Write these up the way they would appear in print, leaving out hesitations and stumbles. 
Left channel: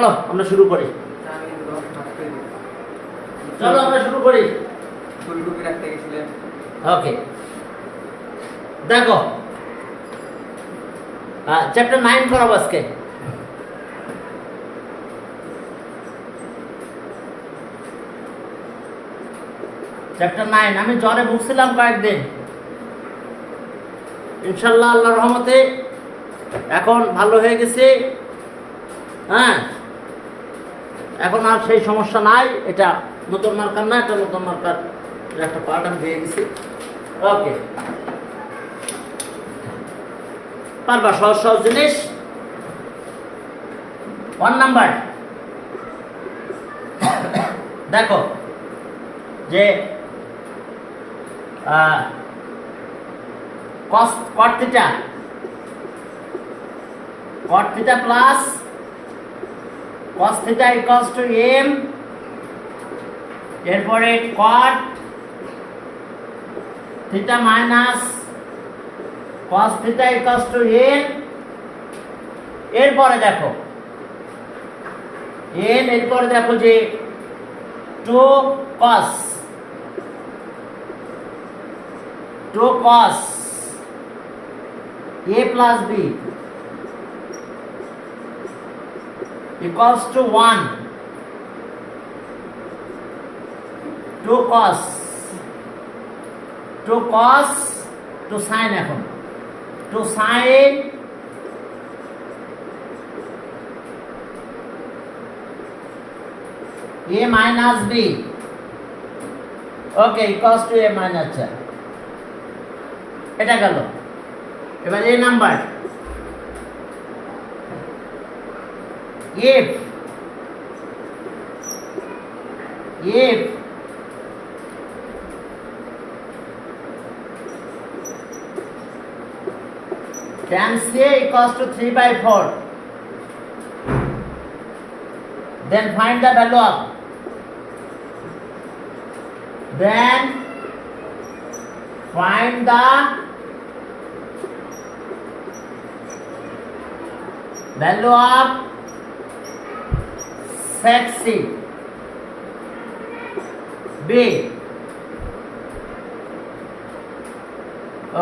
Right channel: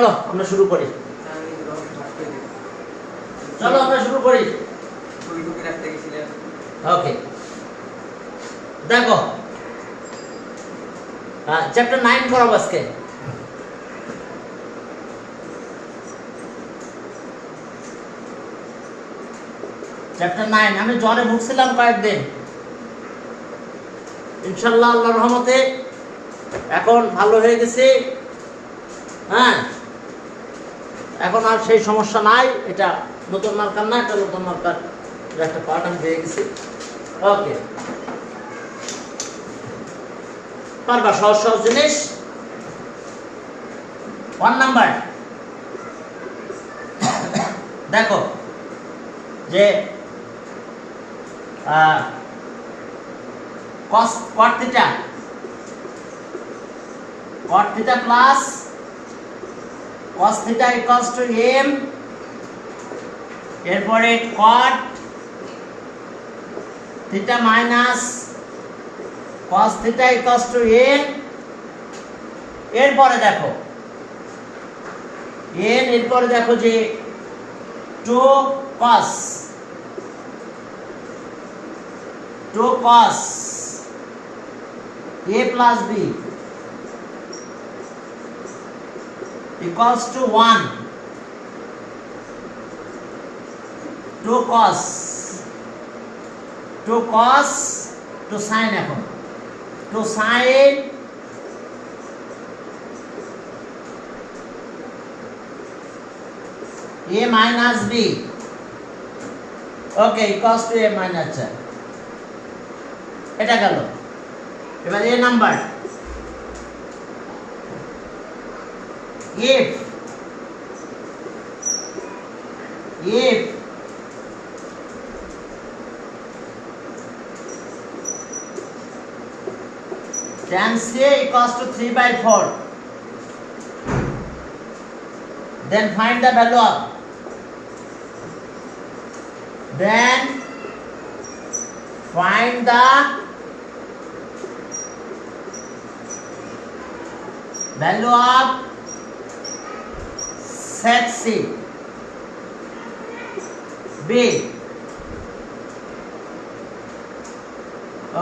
চলো আমরা শুরু করি। ওকে, দেখো চ্যাপ্টার 9 করাবো আজকে। চ্যাপ্টার 9 আমি জ্বরে ভুগছিলাম কয়েকদিন, ইনশাআল্লাহ আল্লাহর রহমতে এখন ভালো হয়ে গেছে। হ্যাঁ, এখন আর সেই সমস্যা নাই। এটা নতুন মার্কার না, এটা নতুন মার্কার একটা পার্ট আমি পেয়ে গেছি। ওকে, পারবা সহজ সহজ জিনিস। 1 নাম্বার দেখো যে cos cot theta plus cos theta equals to m, এরপরে cot theta minus cos theta equals to n, এরপরে দেখো n, এরপরে দেখো যে 2 cos a plus b equals to 1, 2 cos to sin, এখন to sin a minus b, okay, equals to a minus, এটা গেল। এবার এই number if tan c equals to 3/4, then find the value of sec c b,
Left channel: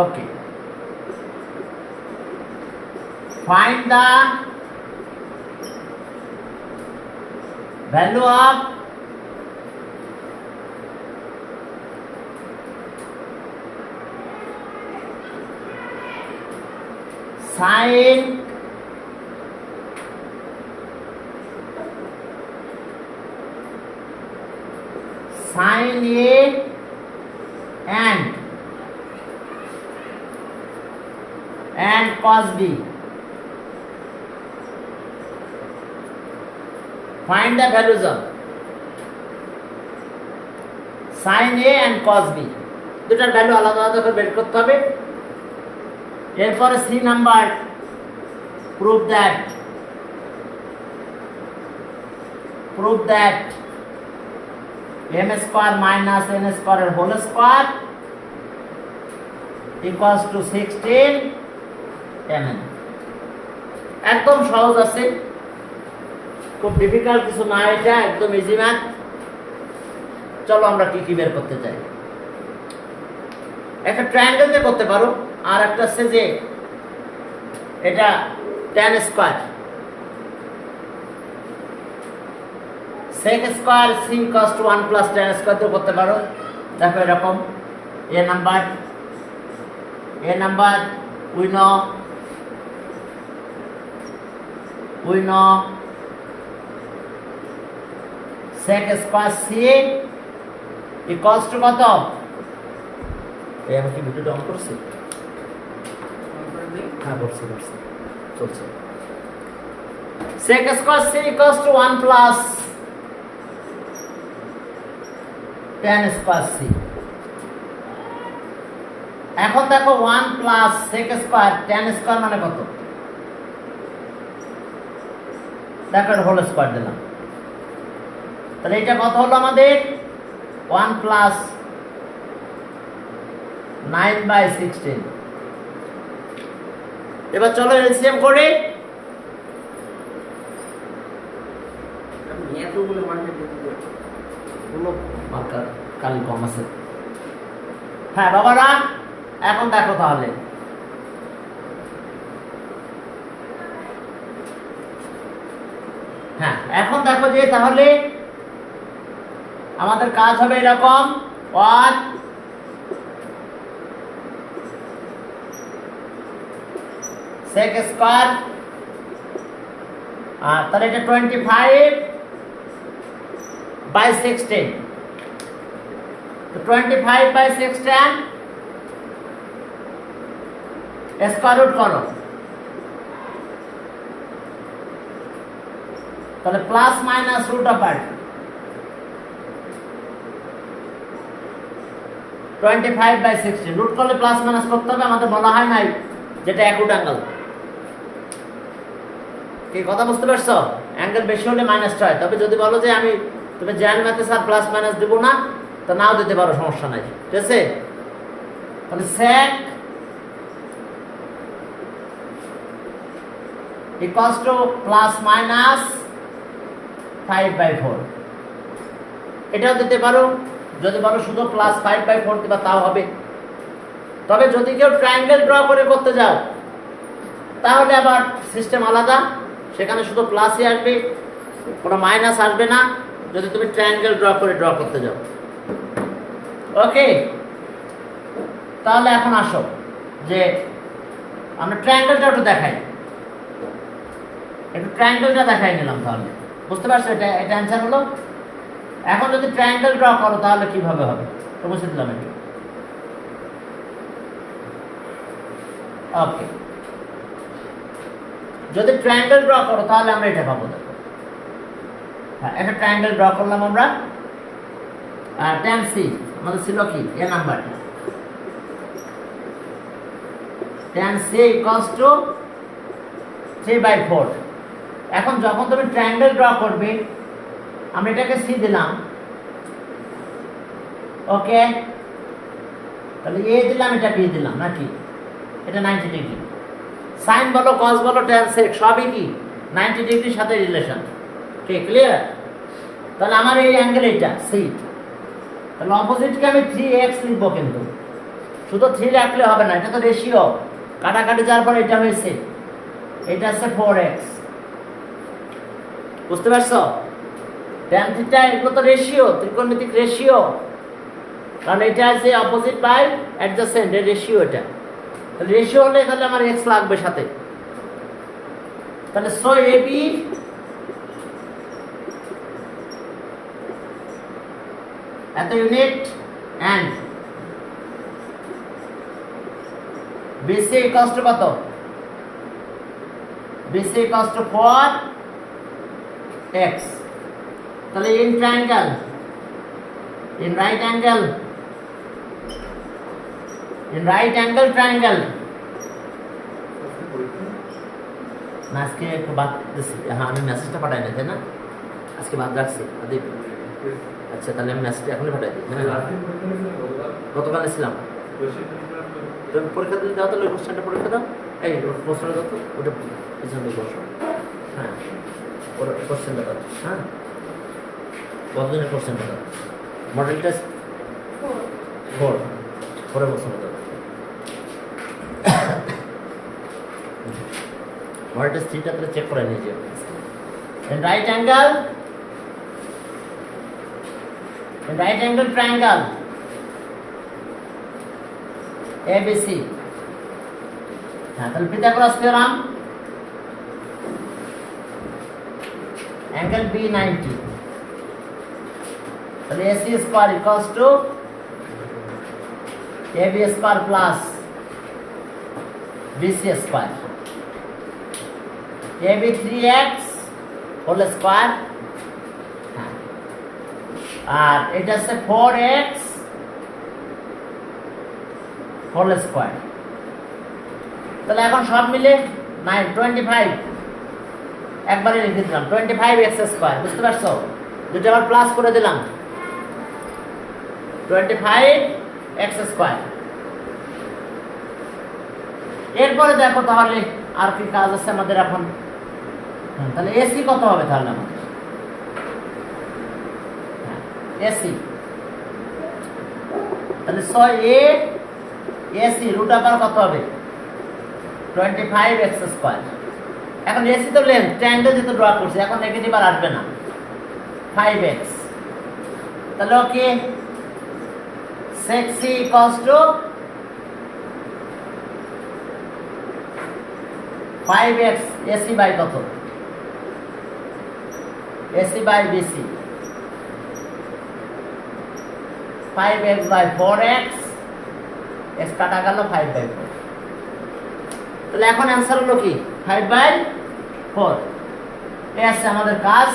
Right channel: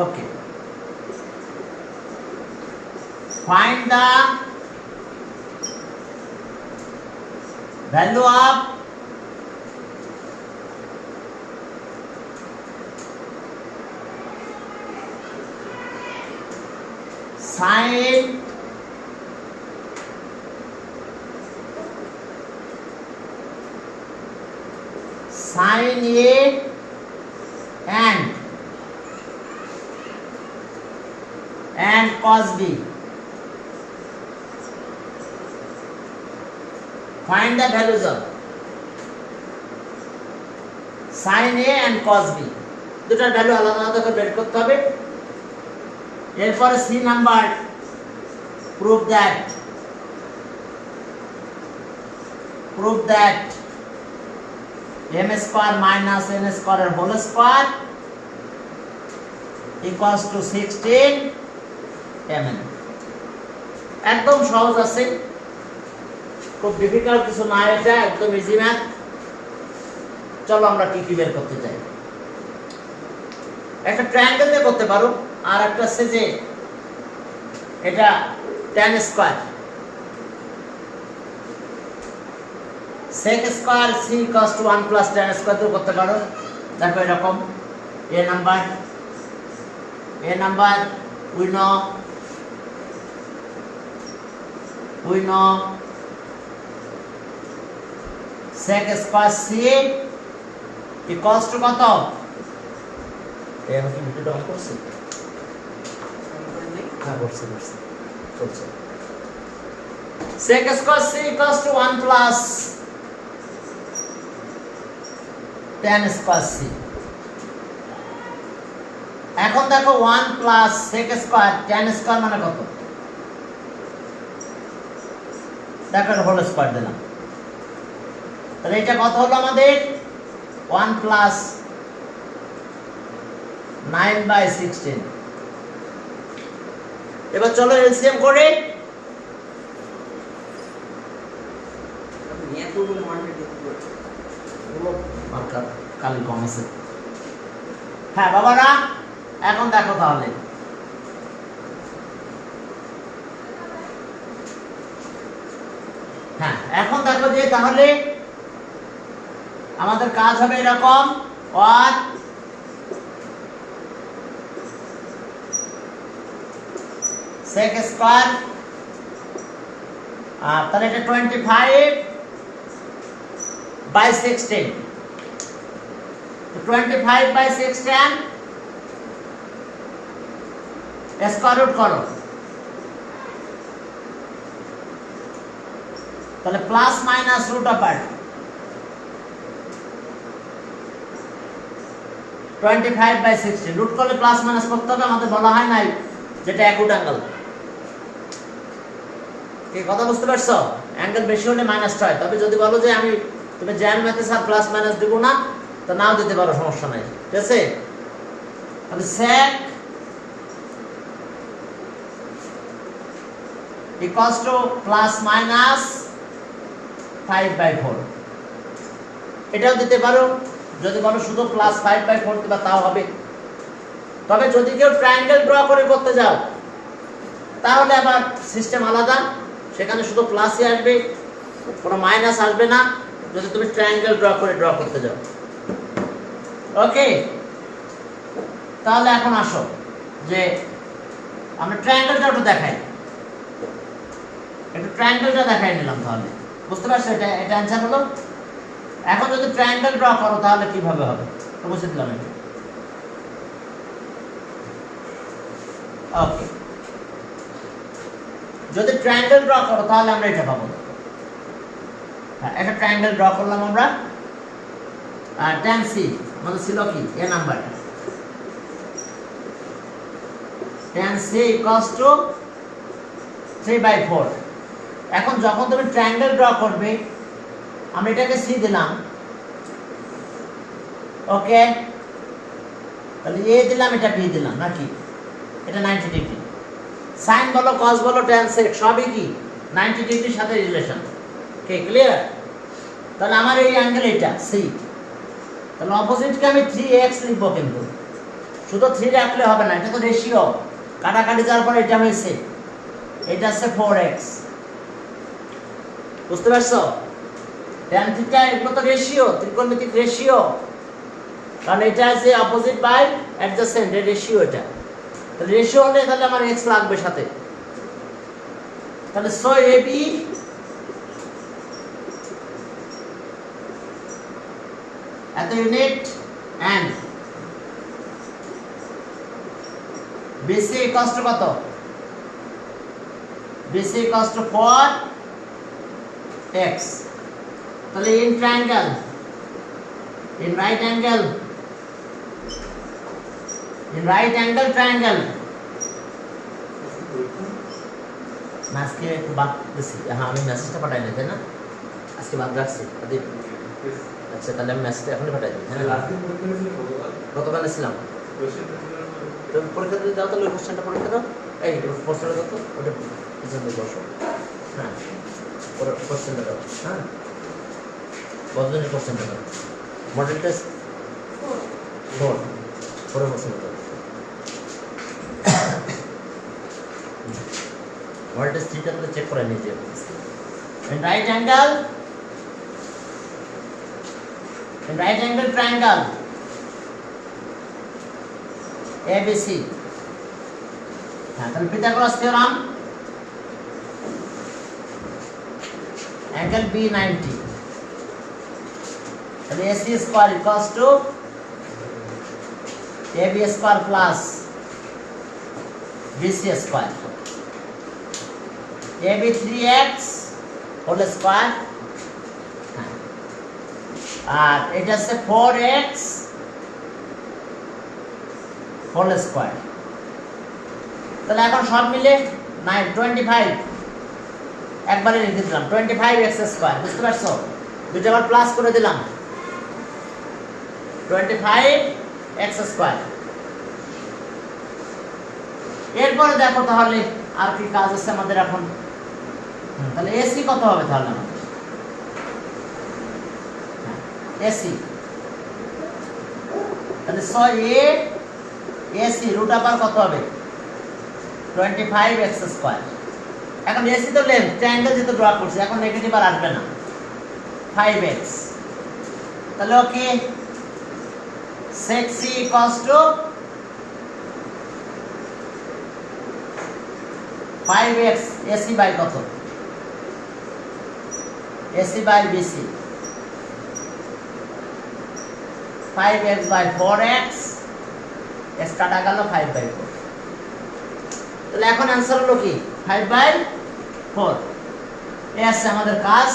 okay, find the value of sin a and cos b. Find the values of sin a and cos b, দুটার value আলাদা আলাদা করে বের করতে হবে। এরপরে C number, prove that m square minus n square whole square equals to 16 mm। একদম সহজ আছে, খুব ডিফিকাল্ট কিছু না, এটা একদম ইজি ম্যাথ। চলো আমরা কি কি বের করতে চাই। একটা ট্রায়াঙ্গেল দিয়ে করতে পারো, আর একটা আছে যে এটা tan square sec square c equals to 1 plus tan square তো করতে পারো। দেখো এরকম a number we know sec square c equals to কত? এই আমি কি ভিডিও অন করছি? হ্যাঁ করছি চলছে। sec square c equals to 1 plus tan square c। এখন দেখো 1 plus sec square tan square মানে কত? দেখো এটা হোল স্কয়ার দিলাম, তাহলে এটা কত হলো আমাদের? 1 plus 9/16। এবার চলো এলসিএম করি। এতগুলো মার্কেট গুলো মার্কার কালি কম আছে। হ্যাঁ বাবারা, এখন দেখো তাহলে হ্যাঁ এখন দেখো যে তাহলে আমাদের কাজ হবে এরকম, ওয়াট sec স্কয়ার, তাহলে এটা 25/16, তো 25/16 স্কয়ার রুট করো, তাহলে plus minus root of 25/16 root করলে প্লাস মাইনাস করতে হবে। আমাদের বলা হয় নাই যেটা অ্যাকুট অ্যাঙ্গেল। কি কথা বুঝতে পারছো? অ্যাঙ্গেল বেশি হলে মাইনাসটা হয়। তবে যদি বলো যে আমি তুমি জ্যান ম্যাথে স্যার প্লাস মাইনাস দেবো না, তো নাও দিতে পারো, সমস্যা নাই, ঠিক আছে? তাহলে sec equals to plus minus 5/4, এটাও দিতে পারো। যদি বলো শুধু প্লাস 5/4 দিবা তাও হবে। তবে যদি কেউ ট্রায়াঙ্গেল ড্র করে করতে যাও তাহলে আবার সিস্টেম আলাদা, সেখানে শুধু প্লাসই আসবে, কোনো মাইনাস আসবে না, যদি তুমি ট্রায়াঙ্গেল ড্র করতে যাও। ওকে, তাহলে এখন আসো যে আমরা ট্রায়াঙ্গেলটা একটু দেখাই, একটু ট্রায়াঙ্গেলটা দেখাই নিলাম। তাহলে বুঝতে পারছো এটা অ্যান্সার হলো। এখন যদি ট্রায়াঙ্গেল ড্র করো তাহলে কিভাবে হবে তো বুঝে দিলাম এটা। ওকে, যদি ট্রায়াঙ্গেল ড্র করো তাহলে আমরা এটা পাবো। দেখো, হ্যাঁ, একটা ট্রায়াঙ্গেল ড্র করলাম আমরা। tan c মানে ছিল কি এ number, tan c equals to 3/4। এখন যখন তুমি ট্রায়াঙ্গেল ড্র করবে, আমরা এটাকে c দিলাম, ওকে, তাহলে a দিলাম, এটা b দিলাম নাকি, এটা 90 ডিগ্রি। সাইন বলো, কস বলো, tan sec সবই কি 90 ডিগ্রির সাথে রিলেশন। ওকে, ক্লিয়ার? তাহলে আমার এই অ্যাঙ্গেল এটা c, তাহলে অপোজিটকে আমি 3x লিখবো, কিন্তু শুধু 3 রাখলে হবে না, এটা তো রেশিও, কাটাকাটি যাওয়ার পর এটা হয়েছে, এটা আছে 4x। বুঝতে পারছো? tan থিটা এগুলো তো রেশিও, ত্রিকোণমিতিক রেশিও, কারণ এটা আছে অপোজিট বাই অ্যাডজাসেন্ট, এর রেশিও এটা। তাহলে রেশিও হলে তাহলে আমার x লাগবে সাথে। তাহলে সো AB এত unit and BC equals to কত? BC equals to 4x। তাহলে in triangle, in right angle triangle, আজকে একটু বাদ দিচ্ছি। হ্যাঁ, আমি মেসেজটা পাঠাই না, তাই না? আজকে বাদ রাখছি। আচ্ছা, তাহলে আমি মেসেজটা এখনই পাঠাই দিই। গতকাল ছিলাম, তুমি পরীক্ষা দিতে দাও, তাহলে কোশ্চেনটা পরীক্ষা দাও, এই প্রশ্ন দাও তো, ওটা পিছনে বসো। হ্যাঁ, ওর কোশ্চেনটা দাও। হ্যাঁ, কতদিনের কোশ্চেনটা দাও? মডেল টেস্ট 4 পরে কোশ্চেনটা দাও। মডেল টেস্ট 3টা তো চেক করে নিয়েছি। In right angle triangle ABC, হ্যাঁ, তাহলে পিথাগোরাস থিওরাম, অ্যাঙ্গেল B 90, তাহলে AC square equals to AB square plus BC square, AB 3x whole square, আর এটা হচ্ছে 4x হোল স্কয়ার। তাহলে এখন সব মিলে 25 একবারে লিখে দিলাম, 25x স্কয়ার। বুঝতে পারছো? দুটো আবার প্লাস করে দিলাম, 25x স্কয়ার। এরপরে দেখো তাহলে আর কি কাজ আছে আমাদের এখন। তাহলে এসি কত হবে? তাহলে এসি, তাহলে 6a এসি রুট আবার কত হবে 25x স্কয়ার। এখন এসি তো লেন্থ, ট্রায়াঙ্গেল যেহেতু ড্র করছে, এখন নেগেটিভ আর আসবে না, 5x। তাহলে okay 6c equals to 5x AC by কত AC by BC, 5x by 4x, x কাটা গেল 5 বাই 4। তাহলে এখন অ্যান্সার হলো কি 5 বাই 4। এই আছে আমাদের কাজ।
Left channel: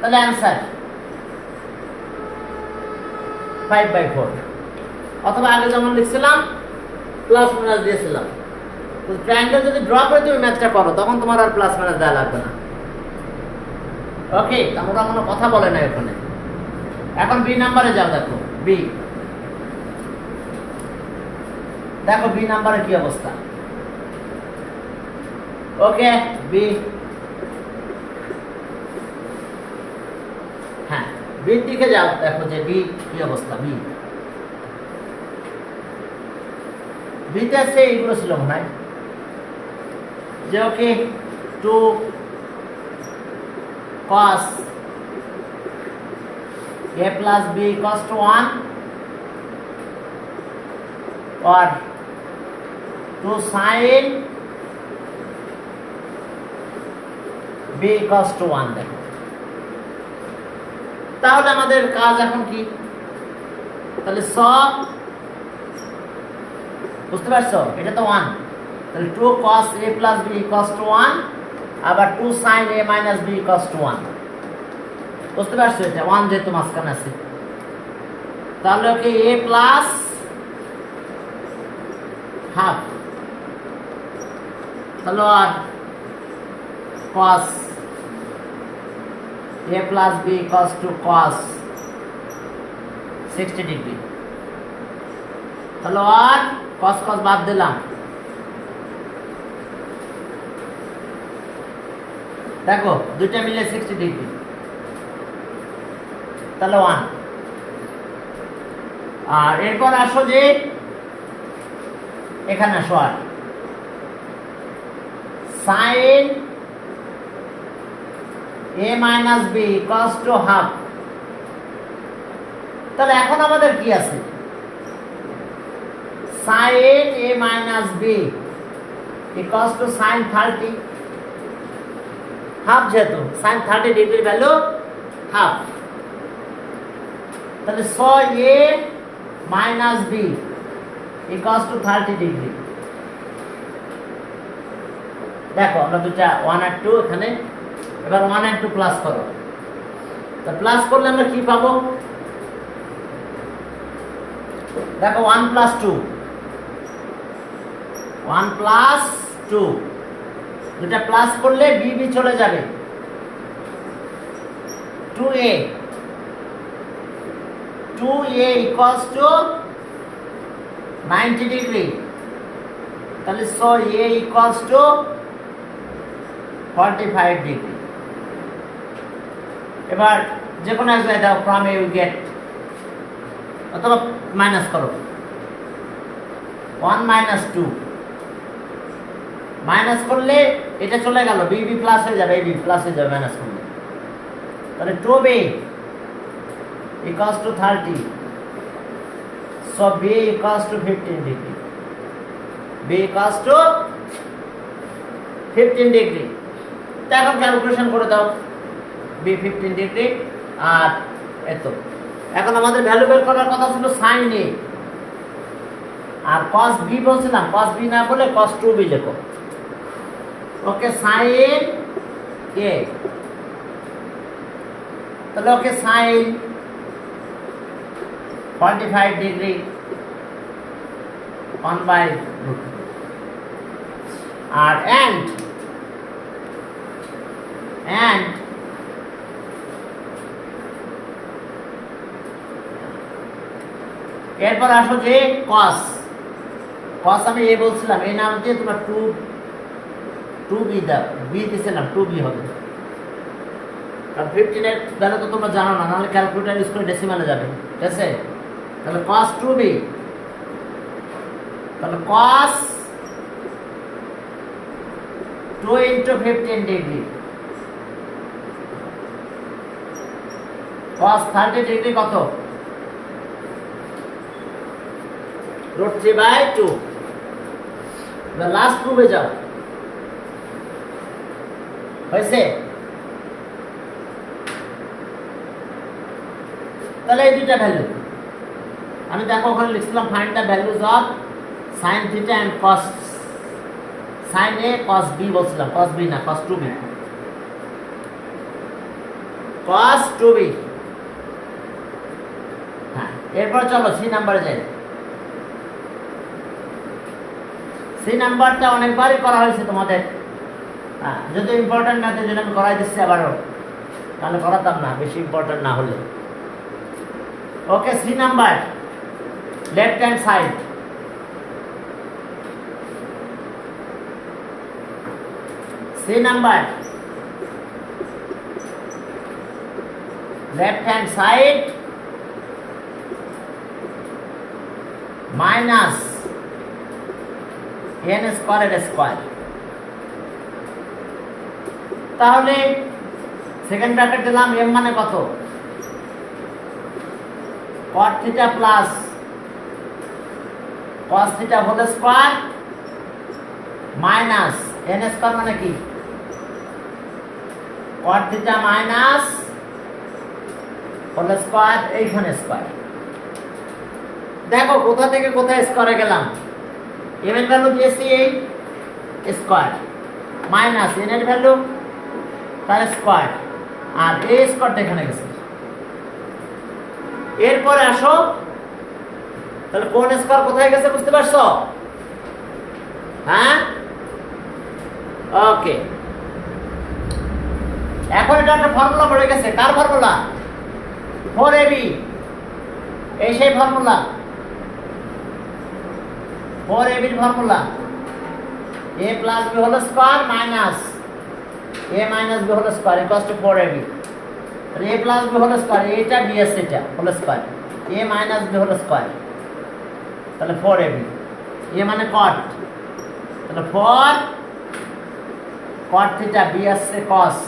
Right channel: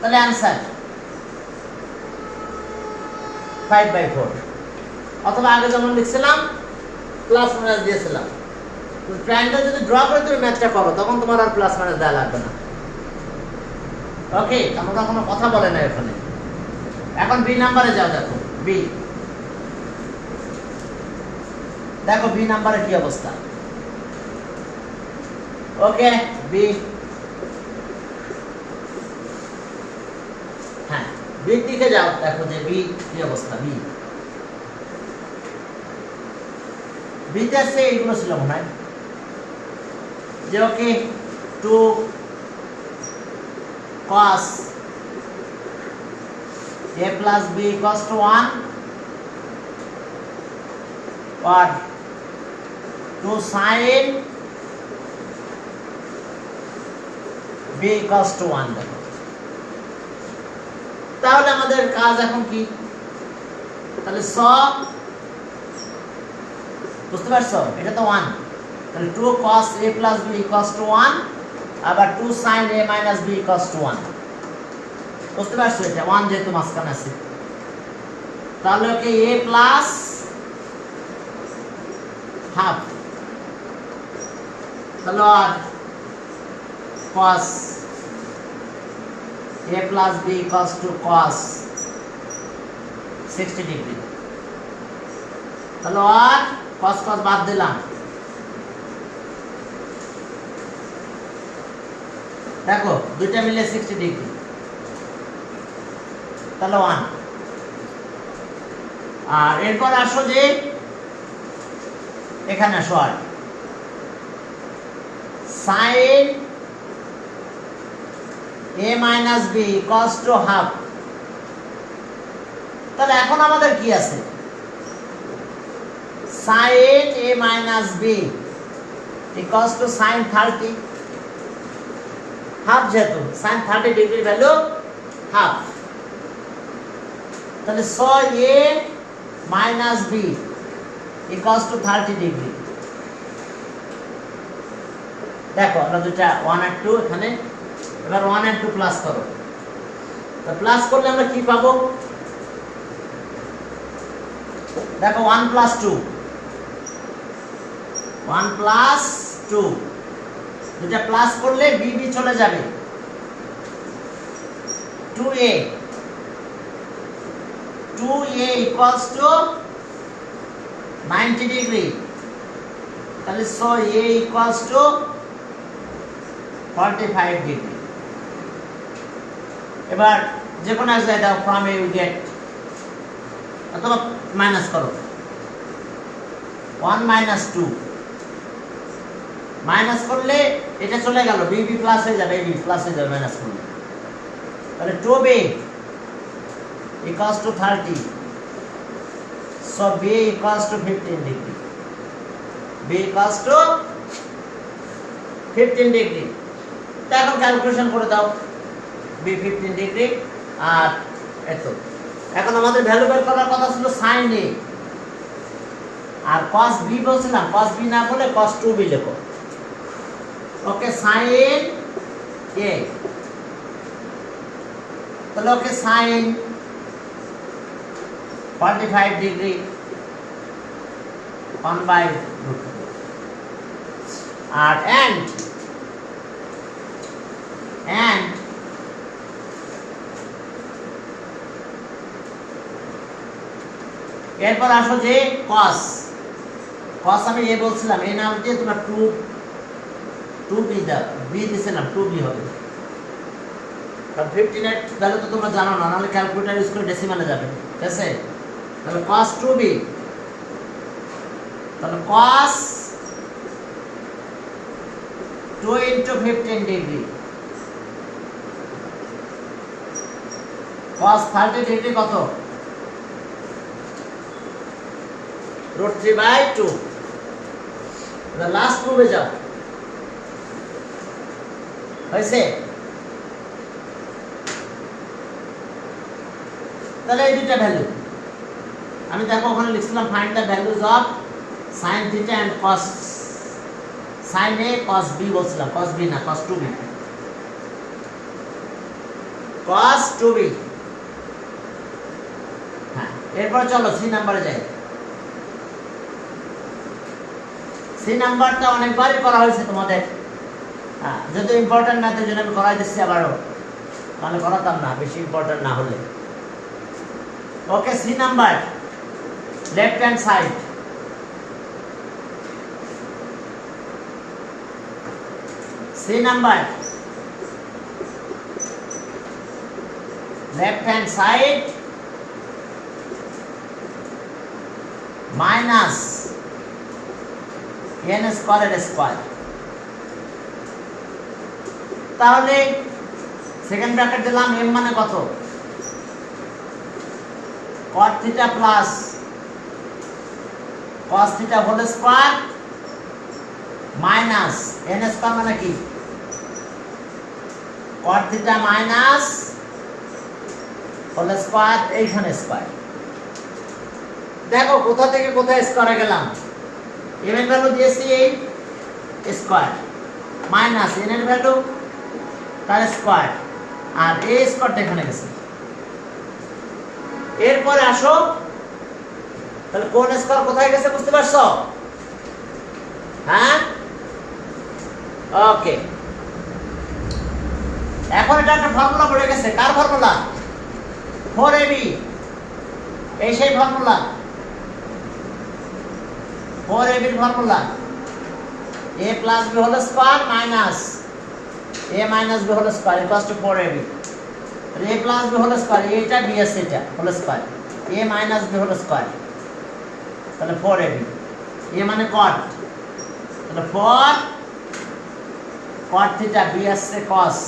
তাহলে অ্যান্সার 5 বাই 4, অথবা আগে যেমন লিখছিলাম প্লাস মাইনাস দিয়েছিলাম। ট্রায়াঙ্গেল যদি ড্র করে তুমি ম্যাথটা করো তখন তোমার আর প্লাস মাইনাস দেওয়া লাগবে না। ওকে, আমরা কোনো কথা বলে না এখানে। এখন বি নাম্বারে যাও, দেখো বি, দেখো বি নাম্বারে কি অবস্থা। ওকে বি, হ্যাঁ বির দিকে যাও, দেখো যে বি কি অবস্থা। বি বিতে আছে এইগুলো ছিল মনে হয় যে ওকে 2 cos a plus b equals to 1 or 2 sin b equals to 1 দেখো। তাহলে আমাদের কাজ এখন কি, তাহলে স বুঝতে পারছো, এটা তো 1, তাহলে 2 cos a plus b equals to 1, আবার 2 sin a minus b equals to 1। বুঝতে পারছো, এটা 1 যেহেতু মাঝখানে আছে। তাহলে ওকে a plus half, তাহলে আর cos a plus b equals to cos 60 degree. তাহলে আর cos cos বাদ দিলাম, দেখো দুইটা মিলে 60 ডিগ্রি, তাহলে 1। আর এরপর আসো যে এখানে আসো আর sin a minus b equals to half। তাহলে এখন আমাদের কি আছে, sin a minus b equals to sin 30, half, যেহেতু sin 30 ডিগ্রির ভ্যালু হাফ। তাহলে 6a minus b equals to 30 degree. দেখো আমরা দুটা 1 আর 2 এখানে, এবার 1 আর 2 প্লাস করো। তো প্লাস করলে আমরা কি পাবো, দেখো 1 plus 2, 1 plus 2, দুটা প্লাস করলে বি বি চলে যাবে, 2a equals to 90 ডিগ্রি। তাহলে so a equals to 45 degree. এবার যে কোনো এক জায়গায় from a you get, অথবা মাইনাস করো, 1 minus 2, মাইনাস করলে এটা চলে গেল, বি বি প্লাস হয়ে যাবে, বি প্লাস হয়ে যাবে মাইনাস করলে। তাহলে 2b equals to 30, so b equals to 15 degree, b equals to 15 degree। তো এখন ক্যালকুলেশন করে দাও, b 15 ডিগ্রি আর এত। এখন আমাদের ভ্যালু বের করার কথা ছিল sin a, R cos b বলছিলাম, cos b না বলে cos 2b লেখো। ওকে sin a, তাহলে ওকে sin 45 ডিগ্রি 1/√2 আর and এরপর আসো যে cos আমি এ বলছিলাম, এই নাম দিয়ে তোমরা 2b দাও, b দিছিলাম 2b হবে, কারণ 15 এর ভ্যালু তো তোমরা জানো না, নাহলে ক্যালকুলেটর ইউজ করে ডেসিমালে যাবে, ঠিক আছে? তাহলে cos 2b, তাহলে cos 2 into 15 degree, cos 30 degree কত? √3/2। the last প্রুফে যাও, হয়েছে? তাহলে এই দুইটা ভ্যালু আমি দেখো ওখানে লিখছিলাম, find the values of sin θ and cos sin a cos b বলছিলাম, cos b না, cos 2b, cos 2b। হ্যাঁ, এরপর চলো সি নাম্বারে যাই। সি নাম্বারটা অনেকবারই করা হয়েছে তোমাদের, হ্যাঁ, যদি ইম্পর্টেন্ট না তাই জন্য আমি করাই দিচ্ছি আবারও, তাহলে করাতাম না বেশি ইম্পর্টেন্ট না হলে। Okay, C number, left hand side, C number, left hand side minus n square square. তাহলে সেকেন্ড ব্র্যাকেট দিলাম, m মানে কত? cot θ plus cos θ whole square minus n square মানে কি? cot θ মাইনাস হোল স্কয়ার, এইখানে square. দেখো কোথা থেকে কোথায় স্কয়ারে গেলাম, m এর ভ্যালু দিয়েছি এই স্কয়ার মাইনাস n এর ভ্যালু তার স্কয়ার, আর a স্কয়ারটা এখানে গেছে। এরপরে আসো, তাহলে কোন স্কয়ার কোথায় গেছে বুঝতে পারছো? হ্যাঁ, ওকে। এখন এটা একটা ফর্মুলা পড়ে গেছে, কার ফর্মুলা? 4ab, এই সেই ফর্মুলা, 4ab এর formula, a plus b whole square minus a minus b whole square equals to 4ab। তাহলে a plus b whole square, এইটা b আছে, এটা whole square, a minus b whole square, তাহলে 4ab। a মানে cot, তাহলে 4 cot θ, b আসছে cos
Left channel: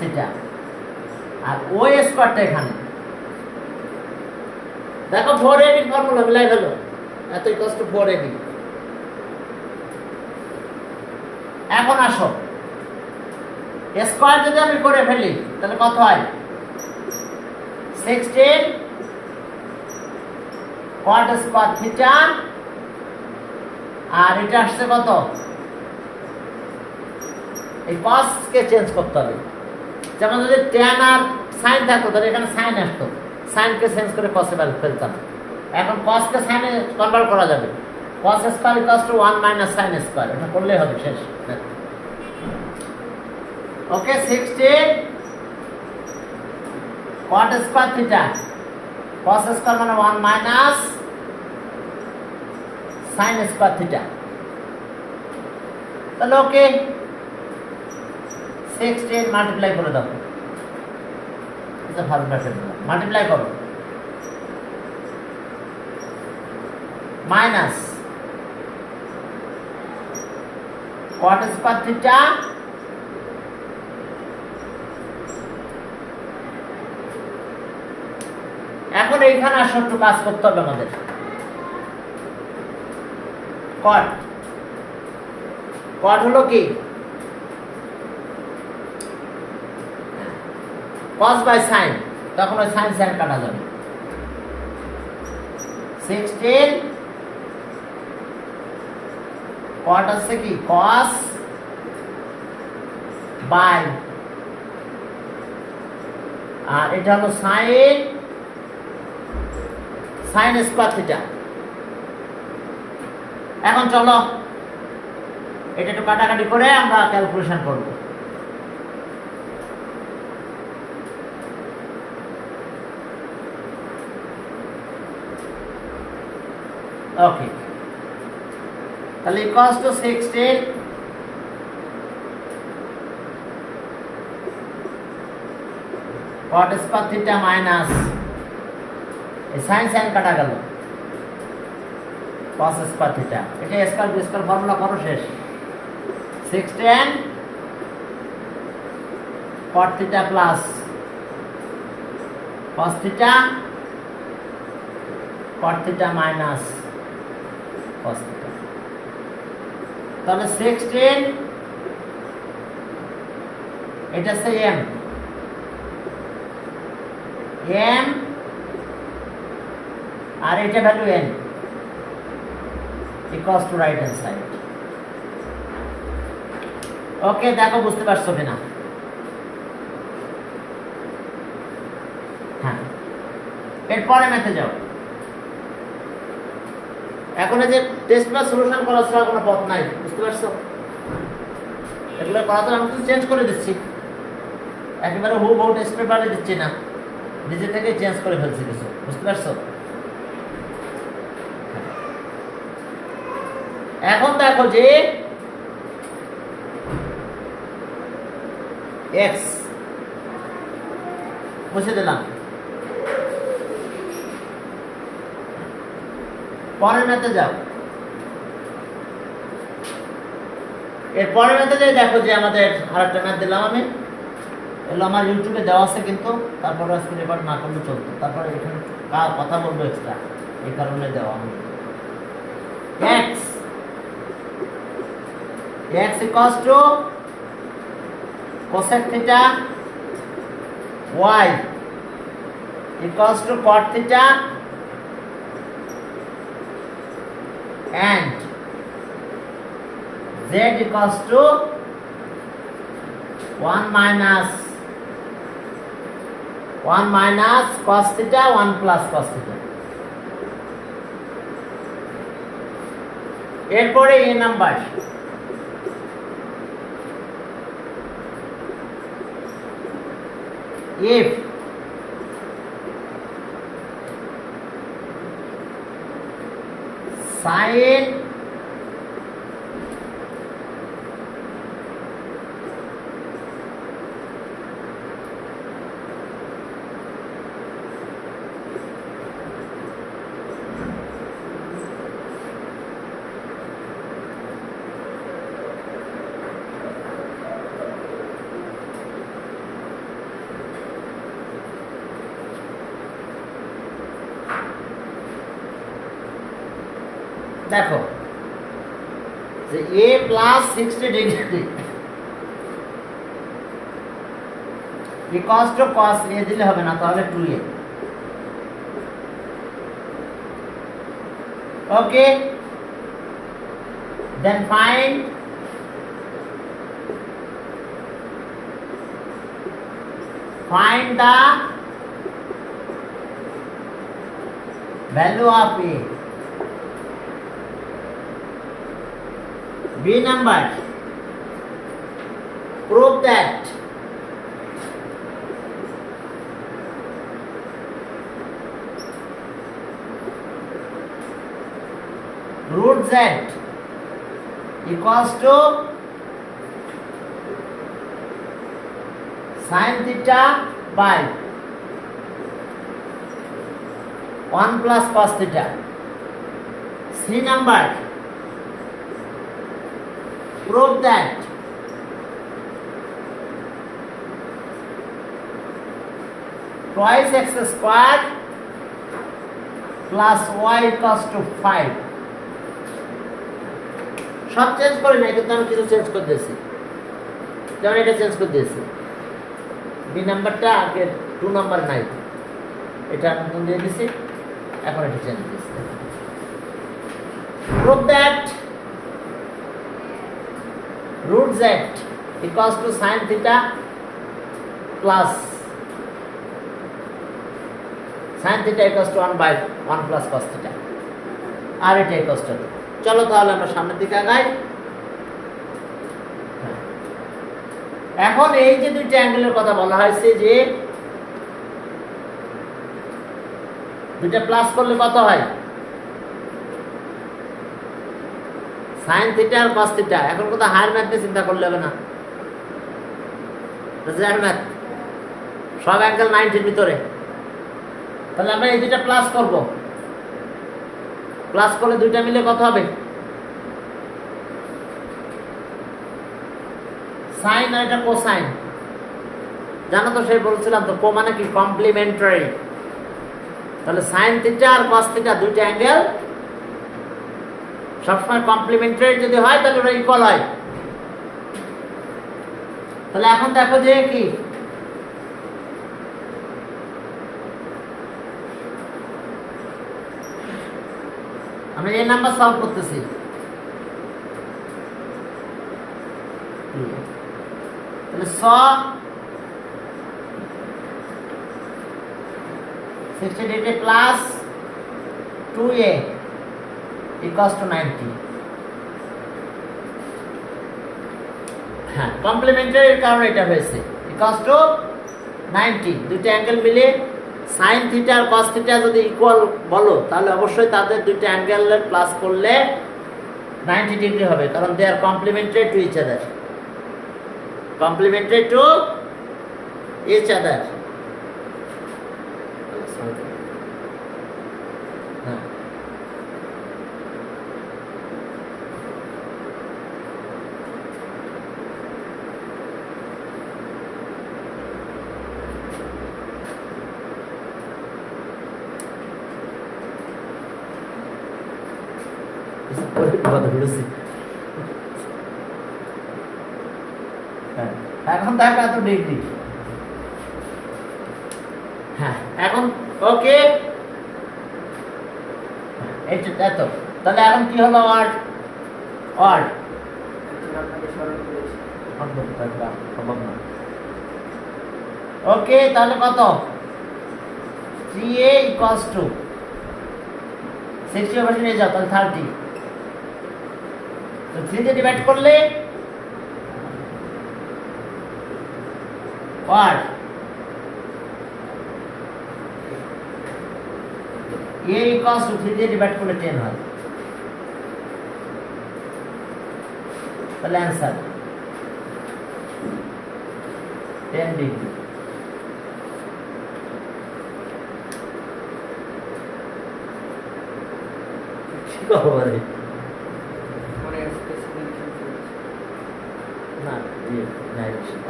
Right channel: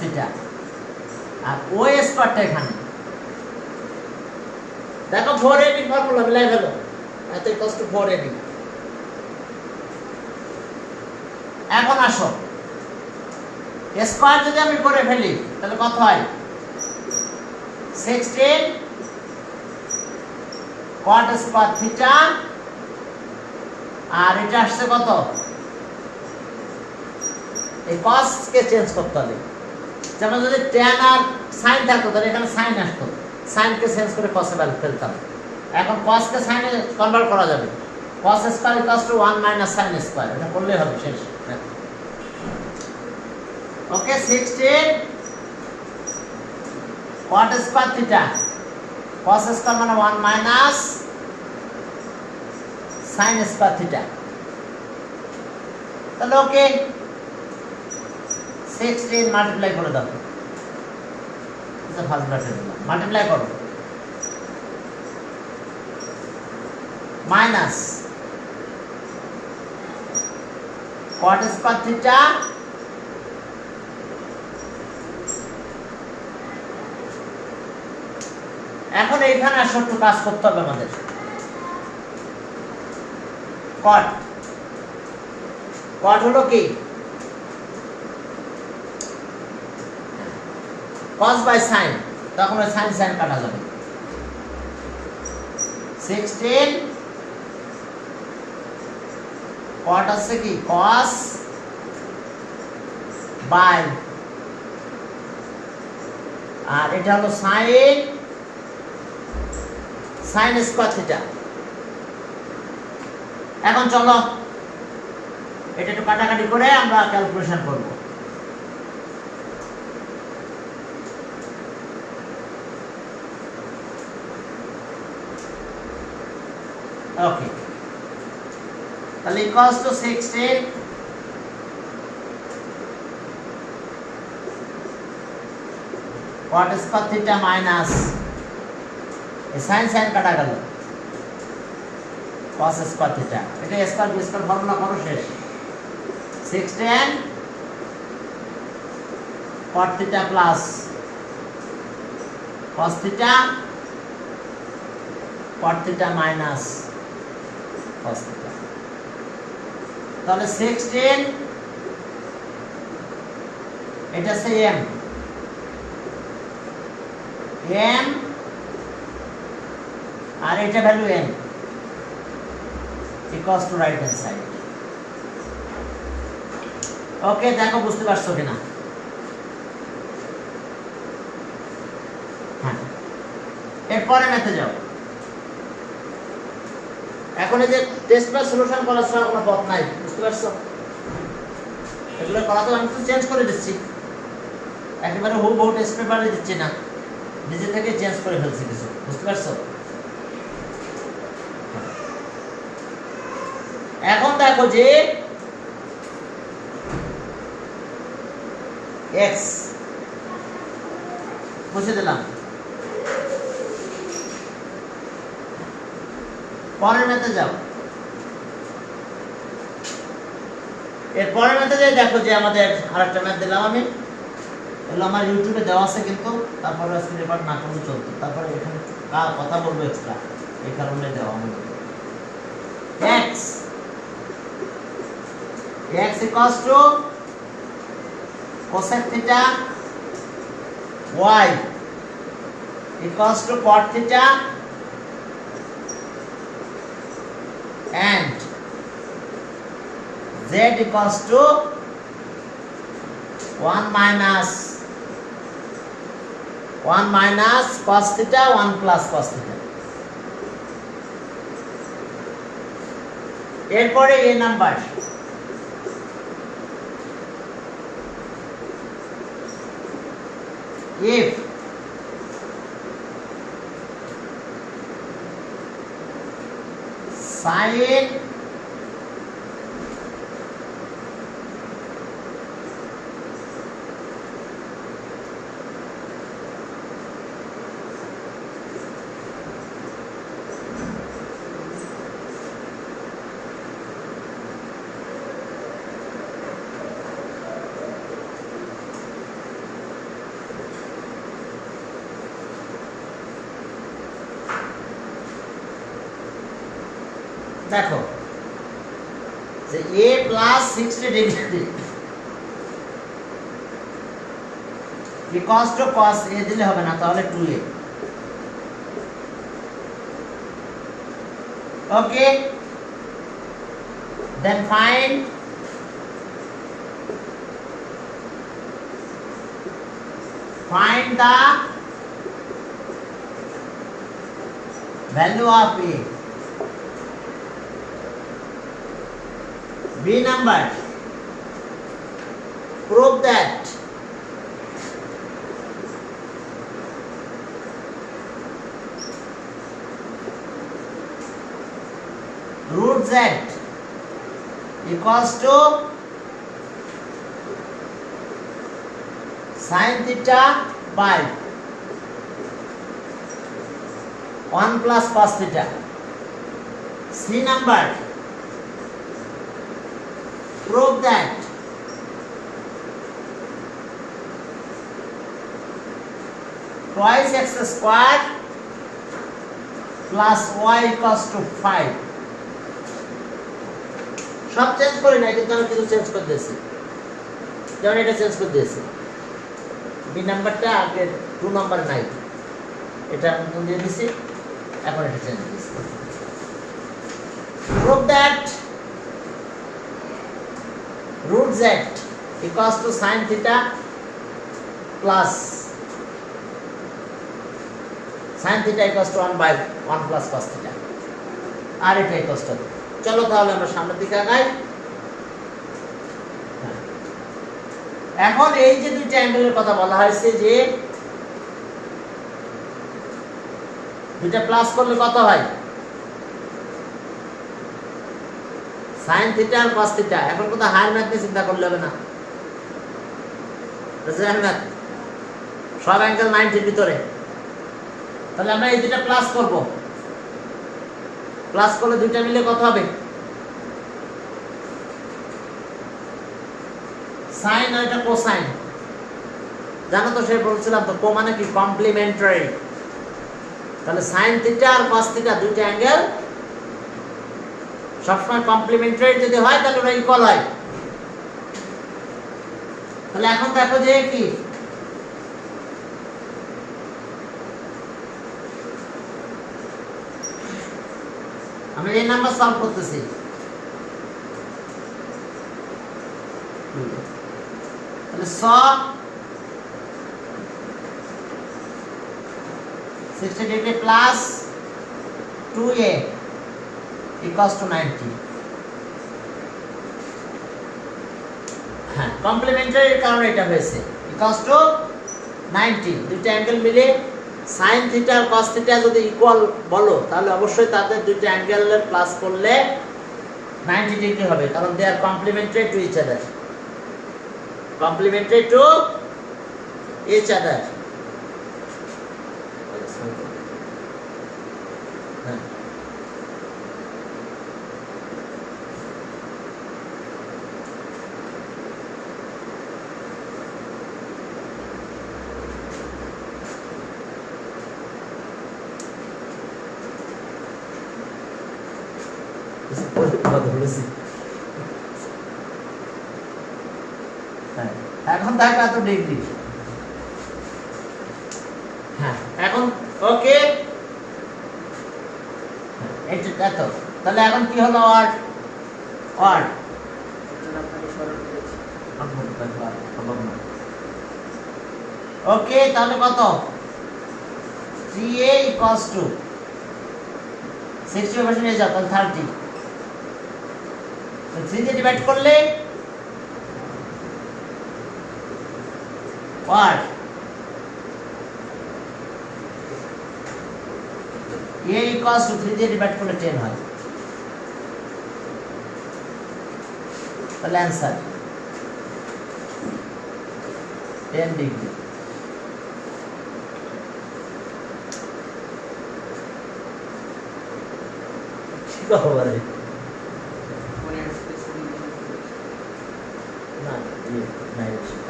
θ, আর o স্কয়ারটা এখানে। দেখো 4ab এর ফর্মুলা মিলাই ফেলো, এত ইকুয়ালস টু 4ab। এখন আসো, স্কয়ার যদি আমি করে ফেলি তাহলে কত হয়? 16 cot স্কয়ার θ, আর এটা আসছে কত? এই cos কে চেঞ্জ করতে হবে, যেমন যদি tan আর sin থাকতো তাহলে এখানে sin আসতো, sin কে চেঞ্জ করে cos এ ফেলতাম। এখন cos কে sin এ কনভার্ট করা যাবে, cos square equals two 1 minus sin square, এটা করলেই হবে, শেষ। ওকে, 16 cot স্কয়ার θ, cos স্কয়ার মানে 1 মাইনাস sin স্কয়ার θ। তাহলে ওকে, 16 মাল্টিপ্লাই করে দাও, এটা ফার্স্ট ব্র্যাকেট মাল্টিপ্লাই করো, মাইনাস cot স্কয়ার θ এখন এইখানে আসো, একটু কাজ করতে হবে আমাদের। cot হলো কি? cos বাই sin, তখন ওই sin sin কাটা যাবে। 16 cot আছে কি? cos বাই, আর এটা হলো sin স্কয়ার θ। এখন চলো এটা একটু কাটাকাটি করে আমরা ক্যালকুলেশন করব। ওকে, তাহলে equals to 16 cot square theta minus এই sin কাটা গেল cos স্কয়ার থিটা, এটা স্কয়ার বি স্কয়ার ফর্মুলা করো শেষ। 6 tan cot theta plus cos theta cot theta minus cos theta, তাহলে 6 tan এটা সে m আর এটা value n equals to right hand side। ওকে, দেখো বুঝতে পারছো কিনা? হ্যাঁ, এরপরে ম্যাথে যাও। এখন এই যে টেস্ট বা সলিউশন করার ছাড়া কোনো পথ নাই, বুঝতে পারছো? এগুলো করা তো আমি চেঞ্জ করে দিচ্ছি, একেবারে হুবহু টেস্ট পেপারে দিচ্ছি না, নিজে থেকে চেঞ্জ করে ফেলছি কিছু, বুঝতে পারছো? এখন দেখো যে x মুছে দিলাম, পরের ম্যাথে যাও। এর পরের ম্যাথে যাই, দেখো যে আমাদের আরেকটা ম্যাথ দিলাম আমি, এগুলো আমার ইউটিউবে দেওয়া আছে, কিন্তু তারপরে আজকে রেকর্ড না করলে চলতো, তারপরে এখানে কথা বলবো এক্সট্রা, এই কারণে দেওয়া আমি। x equals to cosec theta, y equals to cot theta, and z equals to 1 minus cos theta 1 plus cos theta। এরপরে এই নাম্বার if sin দেখো যে a plus 60 degree cos to cos a দিলে হবে না, তাহলে 2a। Okay, then find the value of a। B number, prove that root z equals to sin theta by 1 plus cos theta। C number, prove that twice x squared plus y equals to 5। সব change করি না, কিন্তু আমি কিছু change করে দিয়েছি, যেমন এটা চেঞ্জ করে দিয়েছি, বি নাম্বারটা আগে 2 নাম্বার নাই, এটা নতুন দিয়ে দিয়েছি, এখন এটা চেঞ্জ দিয়েছি। prove that root z equals to sin theta plus sin theta equals to 1 by 1 plus cos theta, আর এটা equals to। চলো তাহলে আমরা সামনের দিকে আগাই। এখন এই যে দুইটা অ্যাঙ্গেলের কথা বলা হয়েছে, যে দুইটা প্লাস করলে কত হয়, sin থিটা আর cos থিটা। এখন কথা হায়ার ম্যাথ নিয়ে চিন্তা করলে হবে না, ম্যাথ সব অ্যাঙ্গেল 90 ভিতরে। তাহলে আমরা এই দুইটা প্লাস করব, প্লাস করলে দুইটা মিলে কত হবে? সাইন আর এটা কোসাইন, জানো তো, সে বলছিলাম তো, কো মানে কি কমপ্লিমেন্টারি। তাহলে সাইন থিটা আর কস থিটা দুইটা অ্যাঙ্গেল সবসময় কমপ্লিমেন্টারি যদি হয় তাহলে ওরা ইকুয়াল হয়। তাহলে এখন দেখো যে কি আমি এই নাম্বার সলভ করতেছি। তাহলে 60 degree plus 2a equals to 90। হ্যাঁ, কমপ্লিমেন্টারির কারণে এটা হয়েছে equals to 90। দুইটা অ্যাঙ্গেল মিলে সাইন থিটা আর কস থিটা যদি ইকুয়াল বলো তাহলে অবশ্যই তাদের দুইটা অ্যাঙ্গেল প্লাস করলে 90 ডিগ্রি হবে, কারণ they are complementary to each other, complementary to each other. এখন দেখো এত ডিগ্রি। হ্যাঁ, এখন ওকে, এটা এত। তাহলে এখন কি হলো? ওয়ার্ড ওয়ার্ড ওকে, তাহলে কত? 3a equals to 60 পাশে নিয়ে যাও, তাহলে 30। তো 3 দিয়ে ডিভাইড করলে what a equals to 3 দিয়ে ডিভাইড করলে 10 হয়। তাহলে आंसर 10 ডিগ্রি। কি হবে?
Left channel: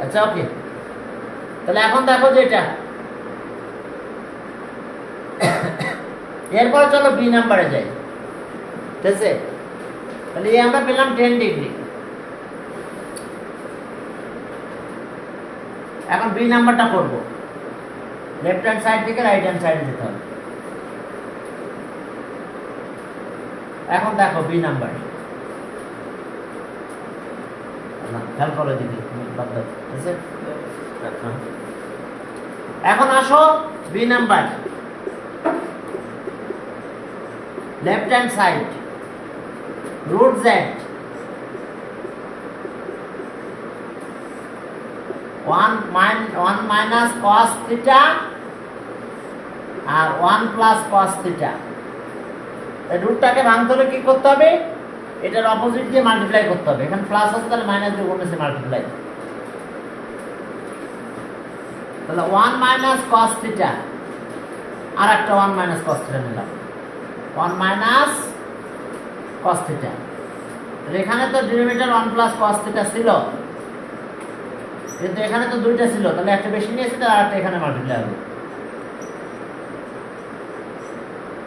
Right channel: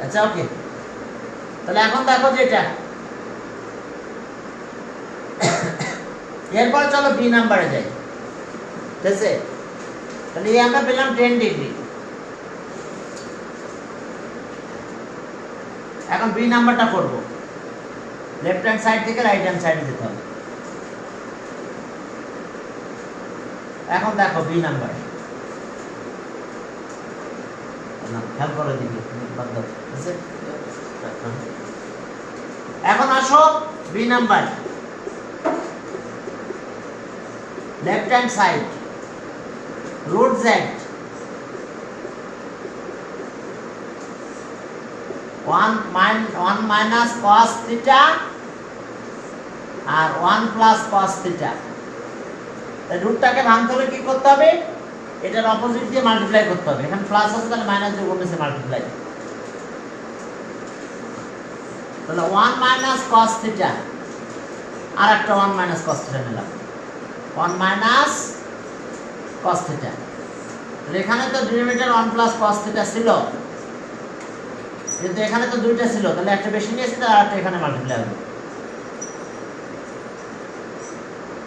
আচ্ছা ওকে, তাহলে এখন দেখো যে এটা, এরপর চলো বি নাম্বারে যাই। ঠিক আছে, তাহলে এই আমরা পেলাম 10 ডিগ্রি। এখন বি নাম্বারটা করব, লেফট হ্যান্ড সাইড থেকে রাইট হ্যান্ড সাইডে যেতে হবে। এখন দেখো বি নাম্বার, খেয়াল করে দিবি। এখন আসো B number, left hand side, root Z 1 minus cos theta আর 1 প্লাস কস থিটা। রুটটাকে ভাঙতে হলে কি করতে হবে? এটার অপোজিট দিয়ে মাল্টিপ্লাই করতে হবে। এখানে প্লাস আছে, তাহলে মাইনাস দিয়ে কমেছে মাল্টিপ্লাই। তাহলে 1 মাইনাস cos থিটা আর একটা 1 মাইনাস cos থিটা নিলাম, 1 মাইনাস cos থিটা। এখানে তো ডিনোমিনেটর 1 প্লাস cos থিটা ছিল, কিন্তু এখানে তো দুইটা ছিল, তাহলে একটা বেশি নিয়েছি, তাহলে আরেকটা এখানে মাল্টিপ্লাই হবে।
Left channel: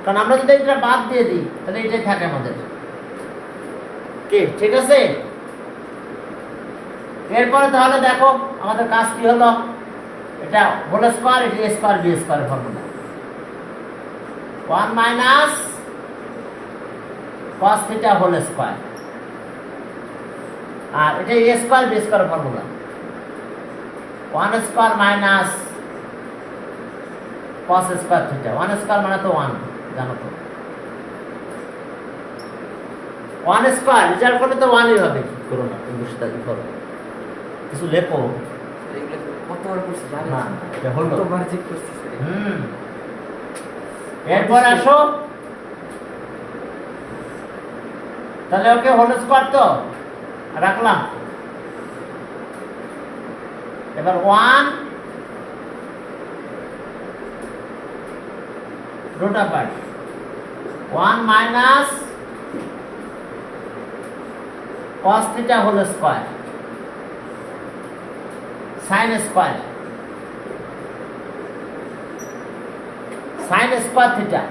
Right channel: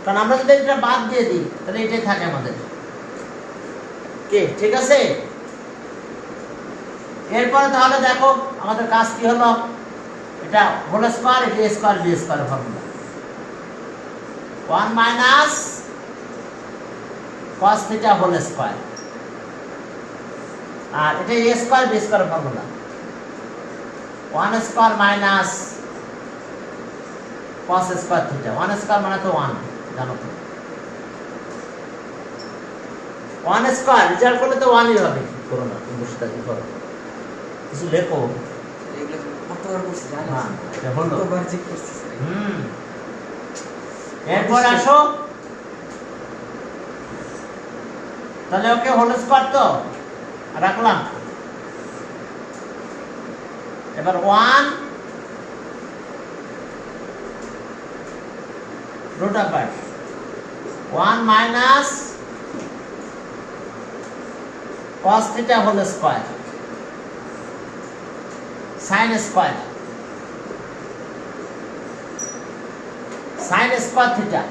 কারণ আমরা যদি এটা বাদ দিয়ে দিই তাহলে এটাই থাকে আমাদের। কি ঠিক আছে? এরপরে তাহলে দেখো আমাদের কাজ কি হলো, এটা হোল স্কয়ার, এটা a স্কয়ার b স্কয়ারের ফর্মুলা। 1 মাইনাস cos থিটা হোল স্কয়ার, আর এটা a স্কয়ার b স্কয়ারের formula. 1 square minus cos square theta, 1 square মানে তো 1, জানো তো। 1 স্কয়ার রেজাল্ট করলে তো 1ই হবে। কি করো না, তুমি বসে থাকি করো, কিছু লেখো। এরপর আসো, তাহলে ওকে হোল স্কয়ার তো রাখলাম। এবার 1 root of y 1 minus cos theta whole square sin square theta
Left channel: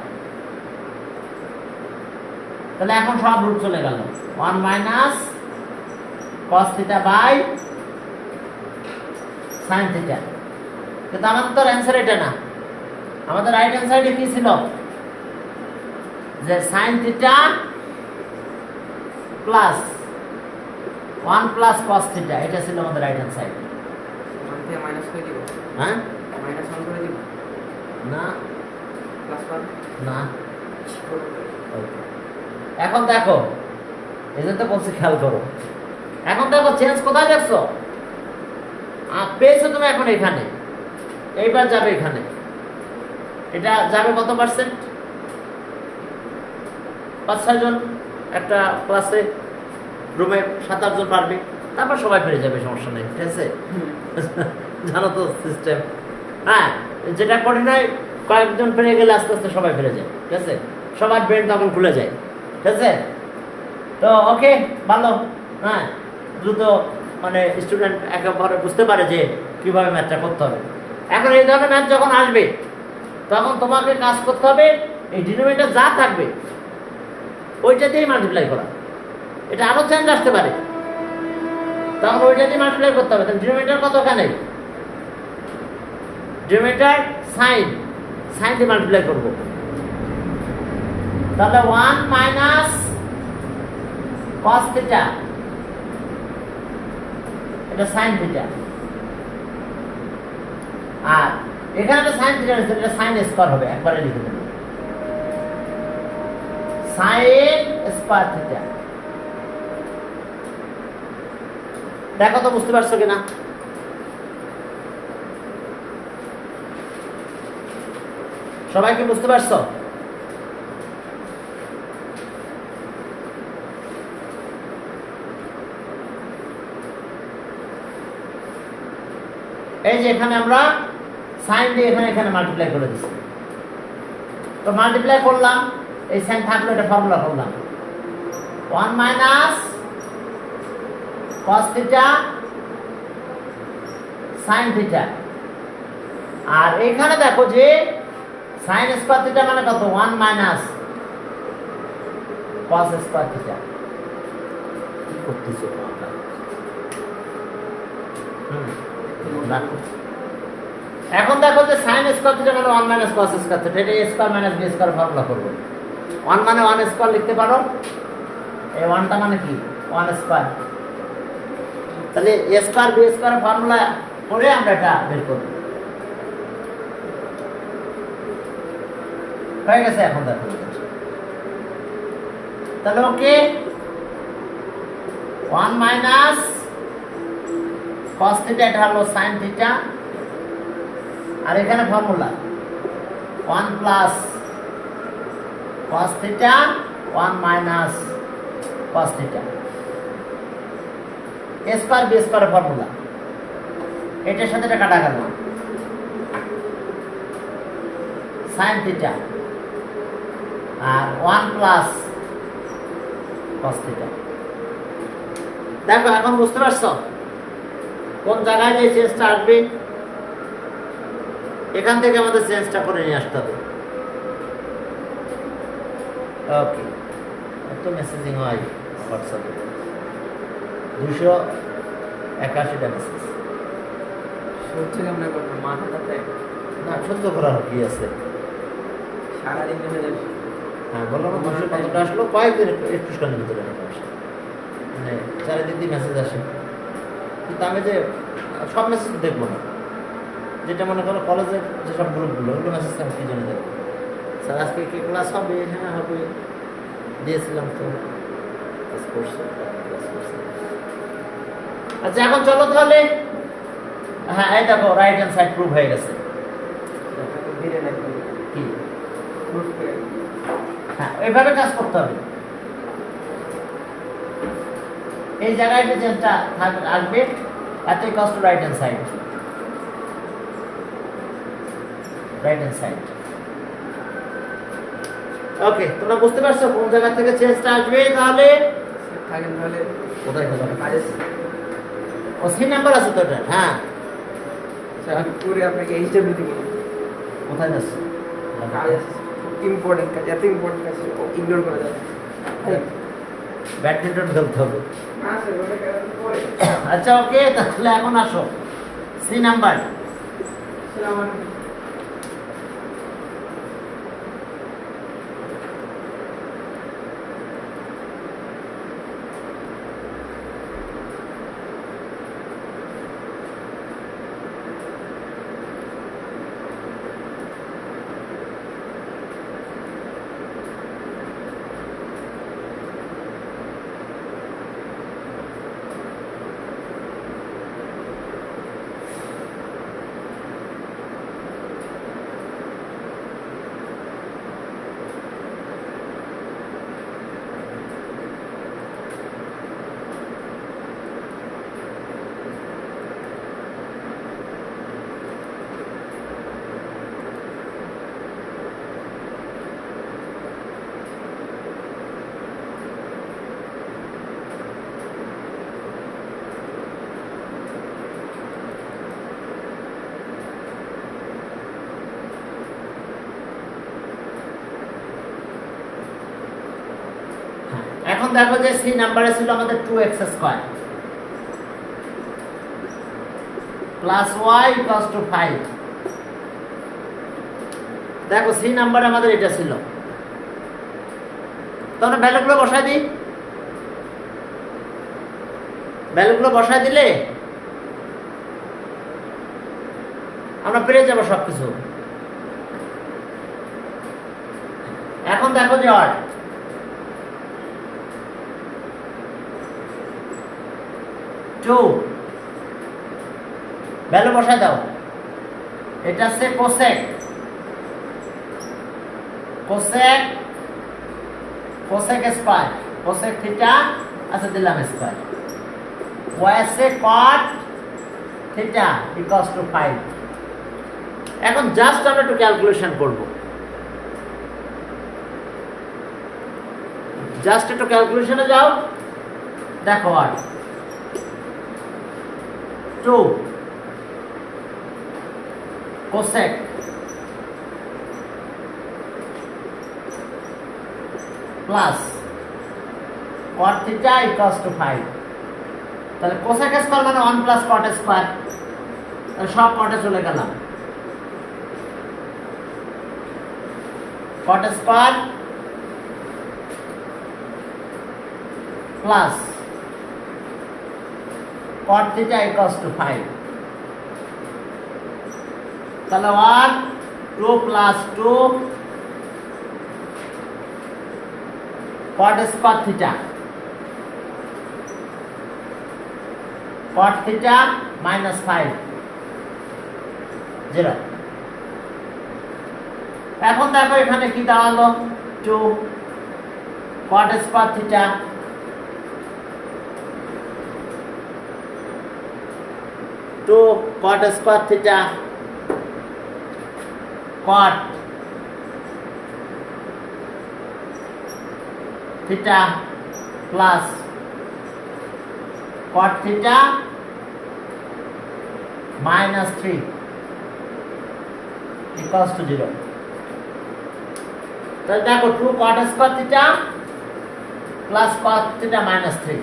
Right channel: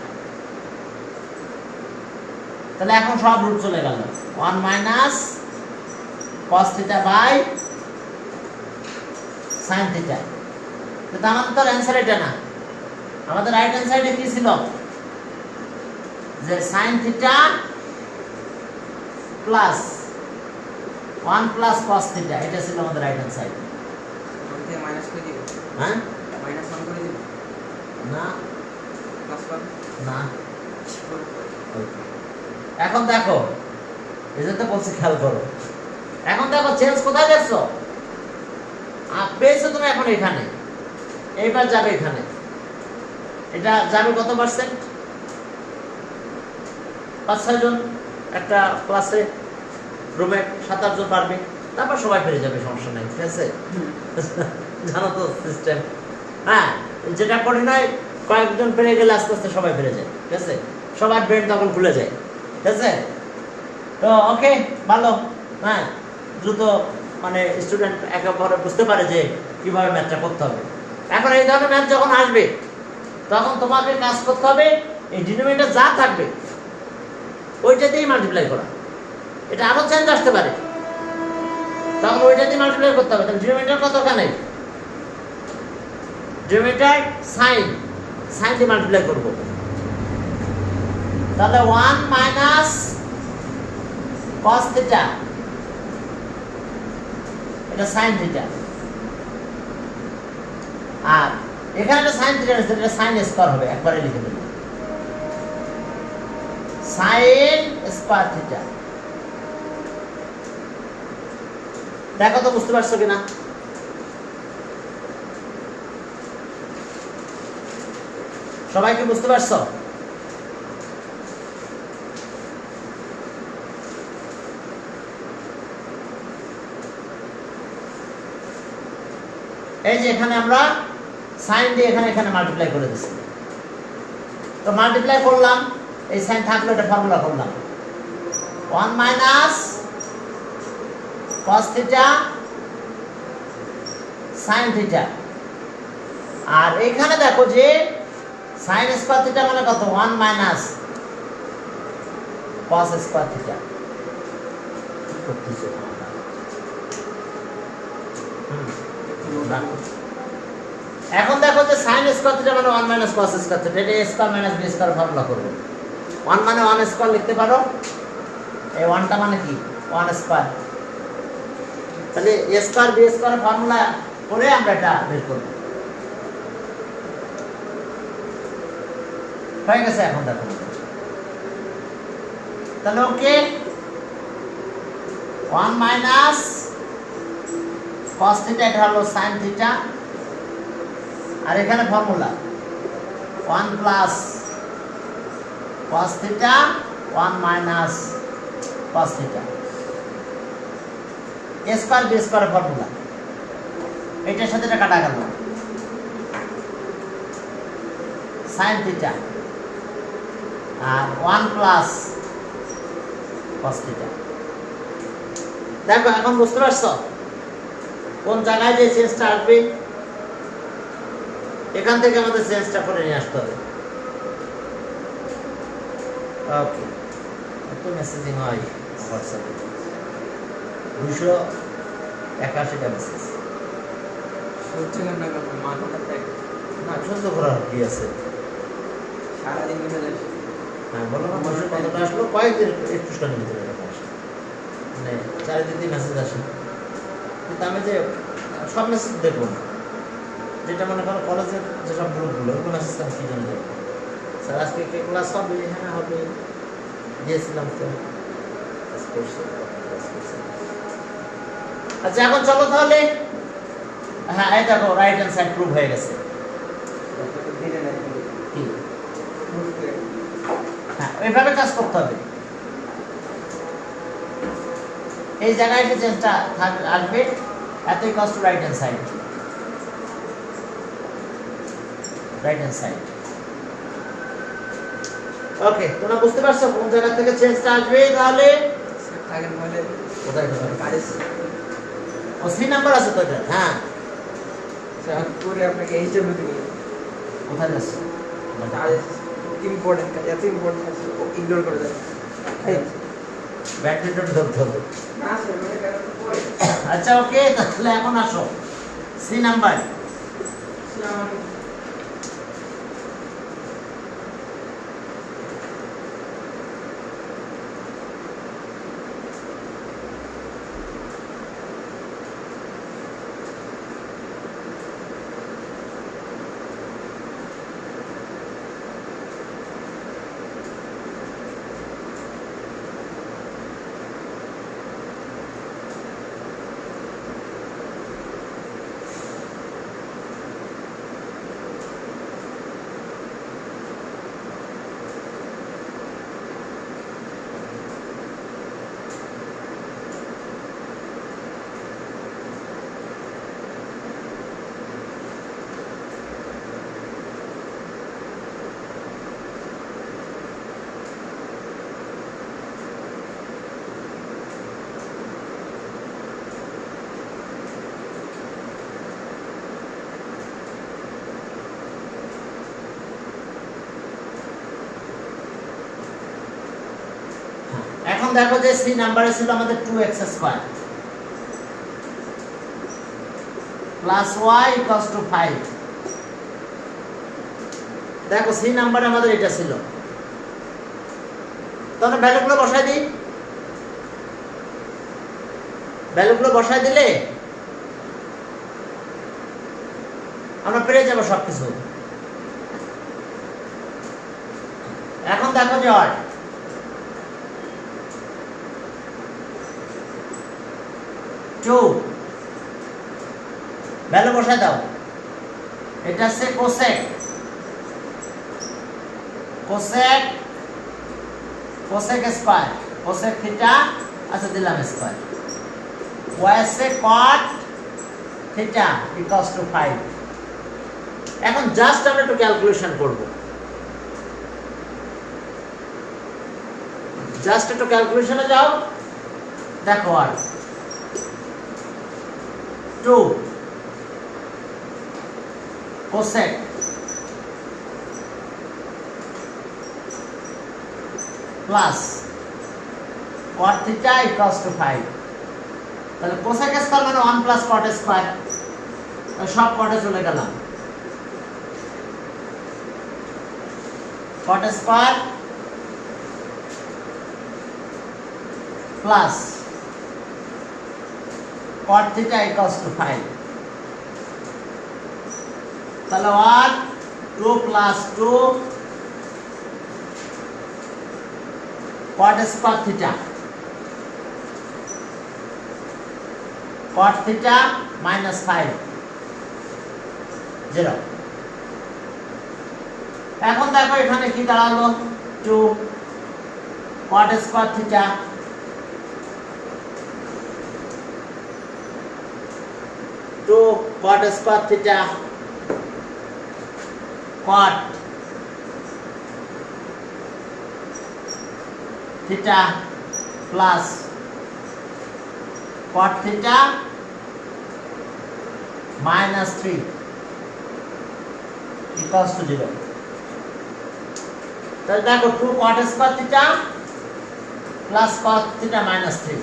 তাহলে এখন সব রুট চলে গেল 1 minus cos theta by sin theta কিন্তু আমাদের তো অ্যানসার এটা না আমাদের রাইট হ্যান্ড সাইডে কি ছিল যে sin theta plus 1 plus cos theta এটা ছিল আমাদের রাইট হ্যান্ড সাইড থেকে মাইনাস করে দিব হ্যাঁ মাইনাস 1 করে দিব না প্লাস 1 না ওকে এখন দেখো এজন্য বলছি খেয়াল করো এখন দেখো চেঞ্জ কোথায় দেখছো পেয়েছো তুমি এখন এখানে এইবার যাবে এখানে এটা যাবে কত পার্সেন্ট 5-6 জন একটা ক্লাসে রুমে 7-8 জন পারবে তারপর সবাই ফিরে যাবে সমস্যা নেই ঠিক আছে জানো তো সিস্টেম হ্যাঁ যেটা করি নয় কয়েকজন ফিরে গেলে আস্তে আস্তে সবাই ফিরে যায় ঠিক আছে সবার ব্রেন তখন খুলে যায় ঠিক আছে তো ওকে ভালো হ্যাঁ দ্রুত মানে স্টুডেন্ট একেবারে বুঝতে পারে যে কিভাবে ম্যাথটা করতে হবে এখন এই ধরনের ম্যাথ যখন আসবে তখন তোমাকে কাজ করতে হবে এই ডিনোমিনেটর যা থাকবে ওইটা দিয়েই মাল্টিপ্লাই করা এটা আরো চেঞ্জ আসতে পারে তখন ওইটা দিয়ে মাল্টিপ্লাই করতে হবে তাহলে ডিনোমিনেটর কতখানে ডিনোমিনেটর সাইন দিয়ে মাল্টিপ্লাই করব তাহলে 1 মাইনাস cos theta এটা sin theta আর এখানে একটা sin theta আছে এটা sin স্কয়ার হবে একবারে লিখে দেব sin স্কয়ার theta দেখো তো বুঝতে পারছো কিনা সবাই কি বুঝতে পারছো এই যে এখানে আমরা sin দিয়ে এখানে মাল্টিপ্লাই করে দিছি তো মাল্টিপ্লাই করলাম এই sin থাকলো এটা ফর্মুলা করলাম 1 মাইনাস cos theta sin theta আর এখানে দেখো যে sin স্কয়ার theta মানে কত 1 মাইনাস cos স্কয়ার theta কি করতেছো এখন দেখো যে sin স্কয়ার থিটা মানে 1 মাইনাস cos স্কয়ার থিটা এটা a square minus b square formula করব 1 মানে 1 স্কয়ার লিখতে পারো এই 1 টা মানে কি 1 স্কয়ার তাহলে a square b square formula করে আমরা এটা বের করব হয়ে গেছে এখন দেখো তাহলে ওকে 1 মাইনাস cos theta এটা হলো sin theta আর এখানে ফর্মুলা 1 প্লাস cos theta 1 মাইনাস cos theta a square b square formula এটার সাথে এটা কাটা গেল sin theta আর 1 প্লাস cos theta দেখো এখন বুঝতে পারছো কোন জায়গায় যে চেঞ্জটা আসবে এখান থেকে আমাদের চেঞ্জটা করে নিয়ে আসতে হবে ওকে একটু মেসেজিং হয় হোয়াটসঅ্যাপে 281টা মেসেজ হচ্ছে না ব্যাপারটা মাথাটা তাই না সহ্য করার কি আছে সারাদিন মেসেজ আসে হ্যাঁ বললাম 200 কতটা আসলো কয়েকদিন একটু স্টানের ভিতরে মানে চারিদিকে মেসেজ আসে কিন্তু আমি যে সব মেসেজ দেখবো না যেটা মনে করো কলেজের যেসব গ্রুপগুলো ওগুলো মেসেজ আমি কি জন্য দেখবো স্যার আজকে কে ক্লাস হবে হ্যাঁ হবে দিয়েছিলাম তো আচ্ছা এখন চলো তাহলে হ্যাঁ এই দেখো রাইট হ্যান্ড সাইড প্রুভ হয়ে গেছে ধীরে নাকি কি বুঝতে হ্যাঁ এইভাবে কাজ করতে হবে এই জায়গায় যে চেঞ্জটা আসবে এতই কষ্ট রাইট হ্যান্ড সাইড ওকে, তোমরা বুঝতে পারছো কোন জায়গা থেকে চেঞ্জটা আসবে? তাহলে স্যার থাকেন তাহলে কোথায় কোথায়? কাজে ও সি নাম্বার আছে তো এটা। হ্যাঁ, স্যার আমি করে আপনাকে এইচডব্লিউ থেকে কোথায় যাচ্ছে? কাজে ইম্পর্টেন্ট কাজ, এত ইম্পর্টেন্ট কাজ ইগনোর করা যায় ব্যাডমিন্টন ধরতে হবে। না স্যার ওটা কেন পরে আচ্ছা ওকে, তাহলে এখন আসো সি নাম্বার। স্যার আমার এখন দেখো যে সি নাম্বারে ছিল আমাদের 2x square plus y equals to 5। দেখো সি নাম্বারে আমাদের এটা ছিল, তখন ভ্যালুগুলো বসায় দিই। ভ্যালুগুলো বসায় দিলে আমরা পেয়ে যাবো সবকিছু। এখন দেখো যে আর টু ভ্যালু বসায় দাও। এটা হচ্ছে cosec, cosec cosec square, cosec theta আচ্ছা দিলাম স্কয়ার, ওয়াই আছে কট থিটা ইকুয়ালস টু 5। এখন জাস্ট আমরা একটু ক্যালকুলেশন করব, জাস্ট একটু ক্যালকুলেশনে যাও। দেখো আর 2 cosec plus cot theta equals to 5। তাহলে কোসেক স্কয়ার মানে 1 প্লাস কট স্কয়ার, সব কটে চলে গেলাম। কট square plus cot theta equals to 5। তাহলে 1 2 plus 2 cot square theta, cot theta minus 5 0। এখন দেখো এখানে কি দাঁড়ালো, 2 cot square theta cot square theta cot theta plus cot theta minus 3 equals to 0। তাহলে দেখো 2 cot square theta plus cot theta minus 3।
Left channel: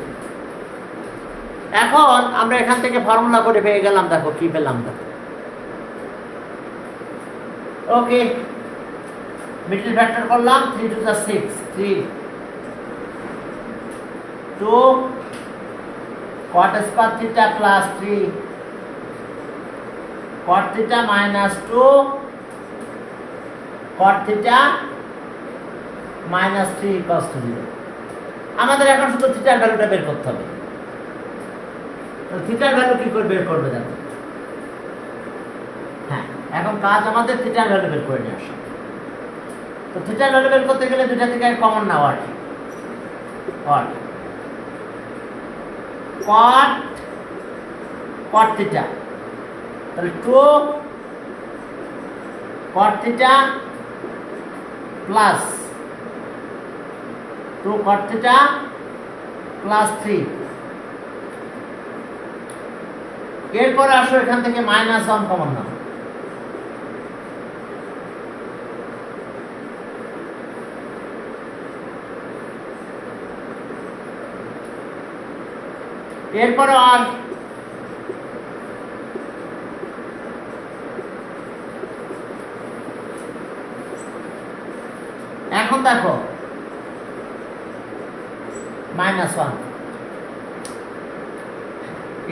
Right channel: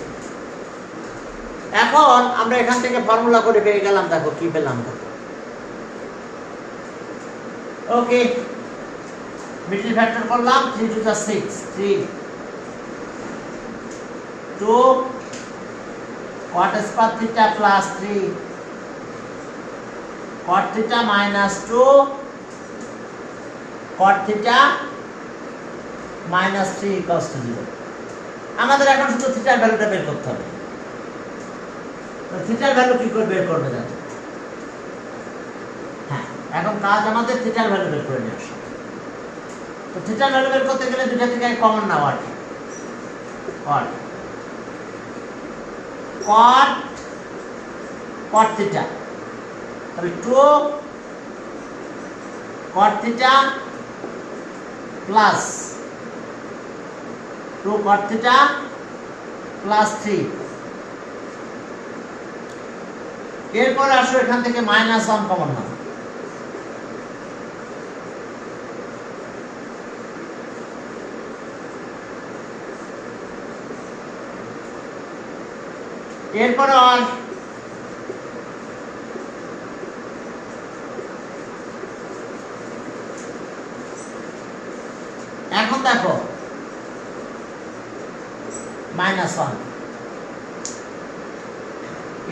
এখন আমরা এখান থেকে ফর্মুলা করে পেয়ে গেলাম। দেখো কি পেলাম, ওকে মিডল ফ্যাক্টর করলাম 3 to the 6 3 2 cot square theta plus 3 cot theta minus 2 cot theta minus 3 equals to 0। আমাদের এখন শুধু থিটার ভ্যালুটা বের করতে হবে। তো থিটার ভ্যালু কি করে বের করবে দেখো। হ্যাঁ, এখন কাজ আমাদের থিটার ভ্যালু বের করে নিয়ে আসা। তো থিটার ভ্যালু বের করতে গেলে দুটা থেকে কমন নাও আর কি, cot cot theta, তাহলে 2 cot theta plus 2 cot theta plus 3। এরপর আসো এখান থেকে -1 কমন নাও। এরপরে আর এখন দেখো -1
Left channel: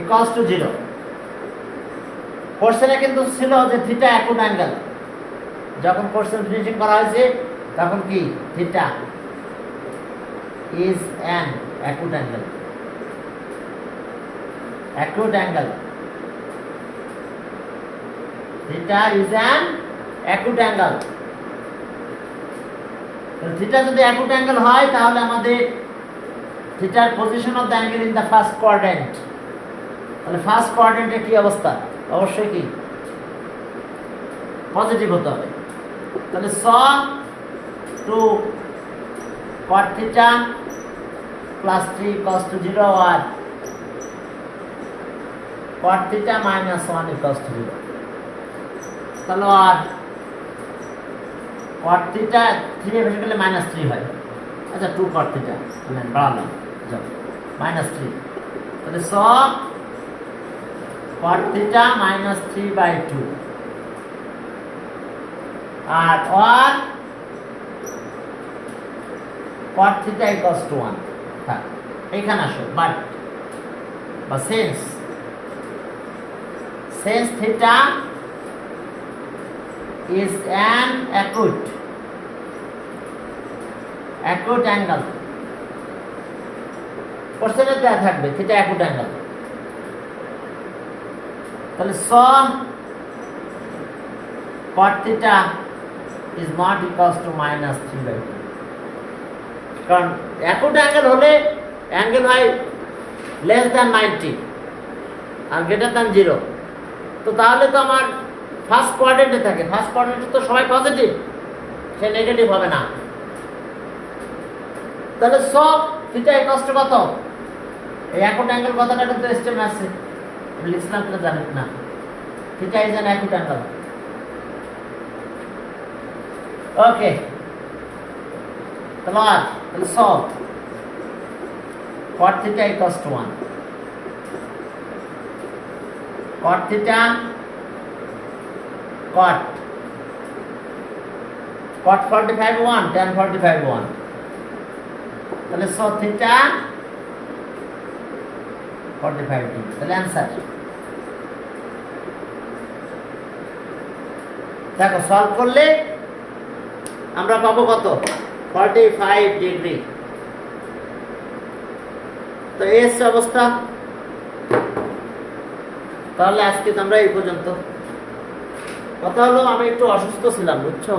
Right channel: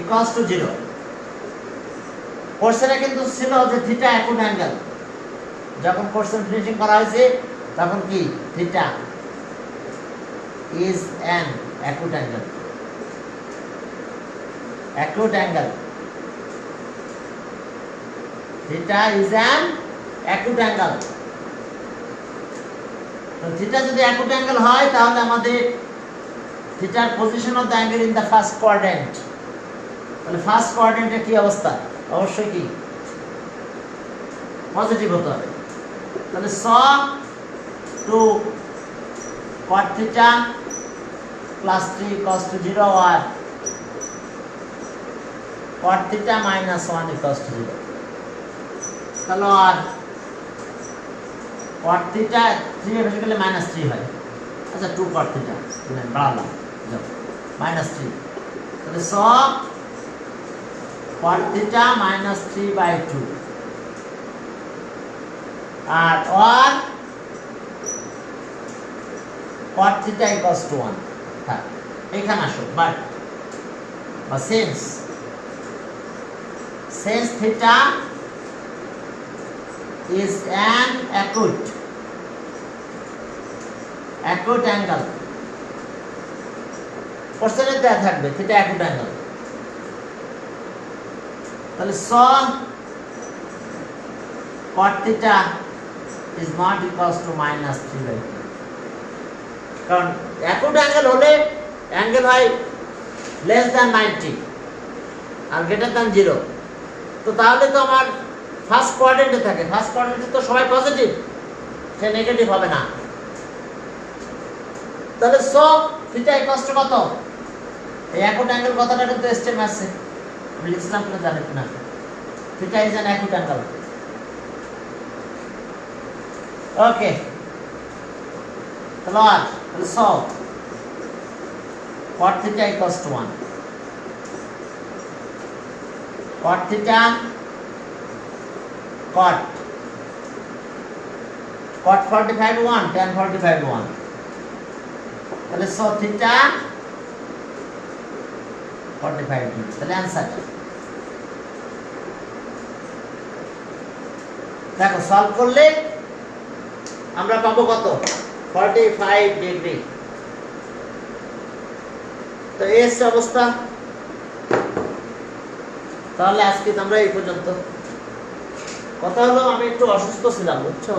ইকুয়ালস টু 0। কোশ্চেনে কিন্তু ছিল যে থিটা অ্যাকুট অ্যাঙ্গেল, যখন কোশ্চেন ফিনিশিং করা হয়েছে তখন কি theta is an acute angle. acute angle, theta is an acute angle। তো theta যদি acute angle হয় তাহলে আমাদের thetaর position of the angle in the first quadrant, তাহলে ফার্স্ট কোয়াড্রেন্টে কি অবস্থা? অবশ্যই কি পজিটিভ হতে হবে। তাহলে saw 2 cot theta plus 3 cos to 0 R cot theta minus 1 equals to 0। তাহলে আর cot theta 3 এর বেশি করলে -3 হয়। আচ্ছা 2 cot theta বাড়ালাম minus 3। তাহলে saw cot theta minus 3/2 R cot theta equals to 1। হ্যাঁ এখানে আসো বাট বা since theta is an acute angle, কোশ্চেনে দেয়া থাকবে theta acute angle, তাহলে saw cot theta is not equals to -3/2, কারণ acute angle হলে অ্যাঙ্গেল হয় less than 90 আর greater than 0। তো তাহলে তো আমার ফার্স্ট কোয়াড্রেন্টে থাকে, ফার্স্ট কোয়াড্রেন্টে তো সবাই পজিটিভ, সে নেগেটিভ হবে না। তাহলে সব থিটা ইকুয়ালস টু কত? এই অ্যাকুট অ্যাঙ্গেল কথাটা কিন্তু স্টেমে আছে, আমি লিখলাম তো জানেন না। Theta is an acute angle. Okay তাহলে সব cot theta equals to 1, cot theta cot 45 1 tan 45 1, তাহলে so theta 45 2। তাহলে आंसर দেখো সলভ করলে আমরা পাবো কত? 45 ডিগ্রি। তো এই অবস্থা। তাহলে আজকে আমরা এই পর্যন্ত। কথা হলো আমি একটু অসুস্থ ছিলাম, বুঝছো?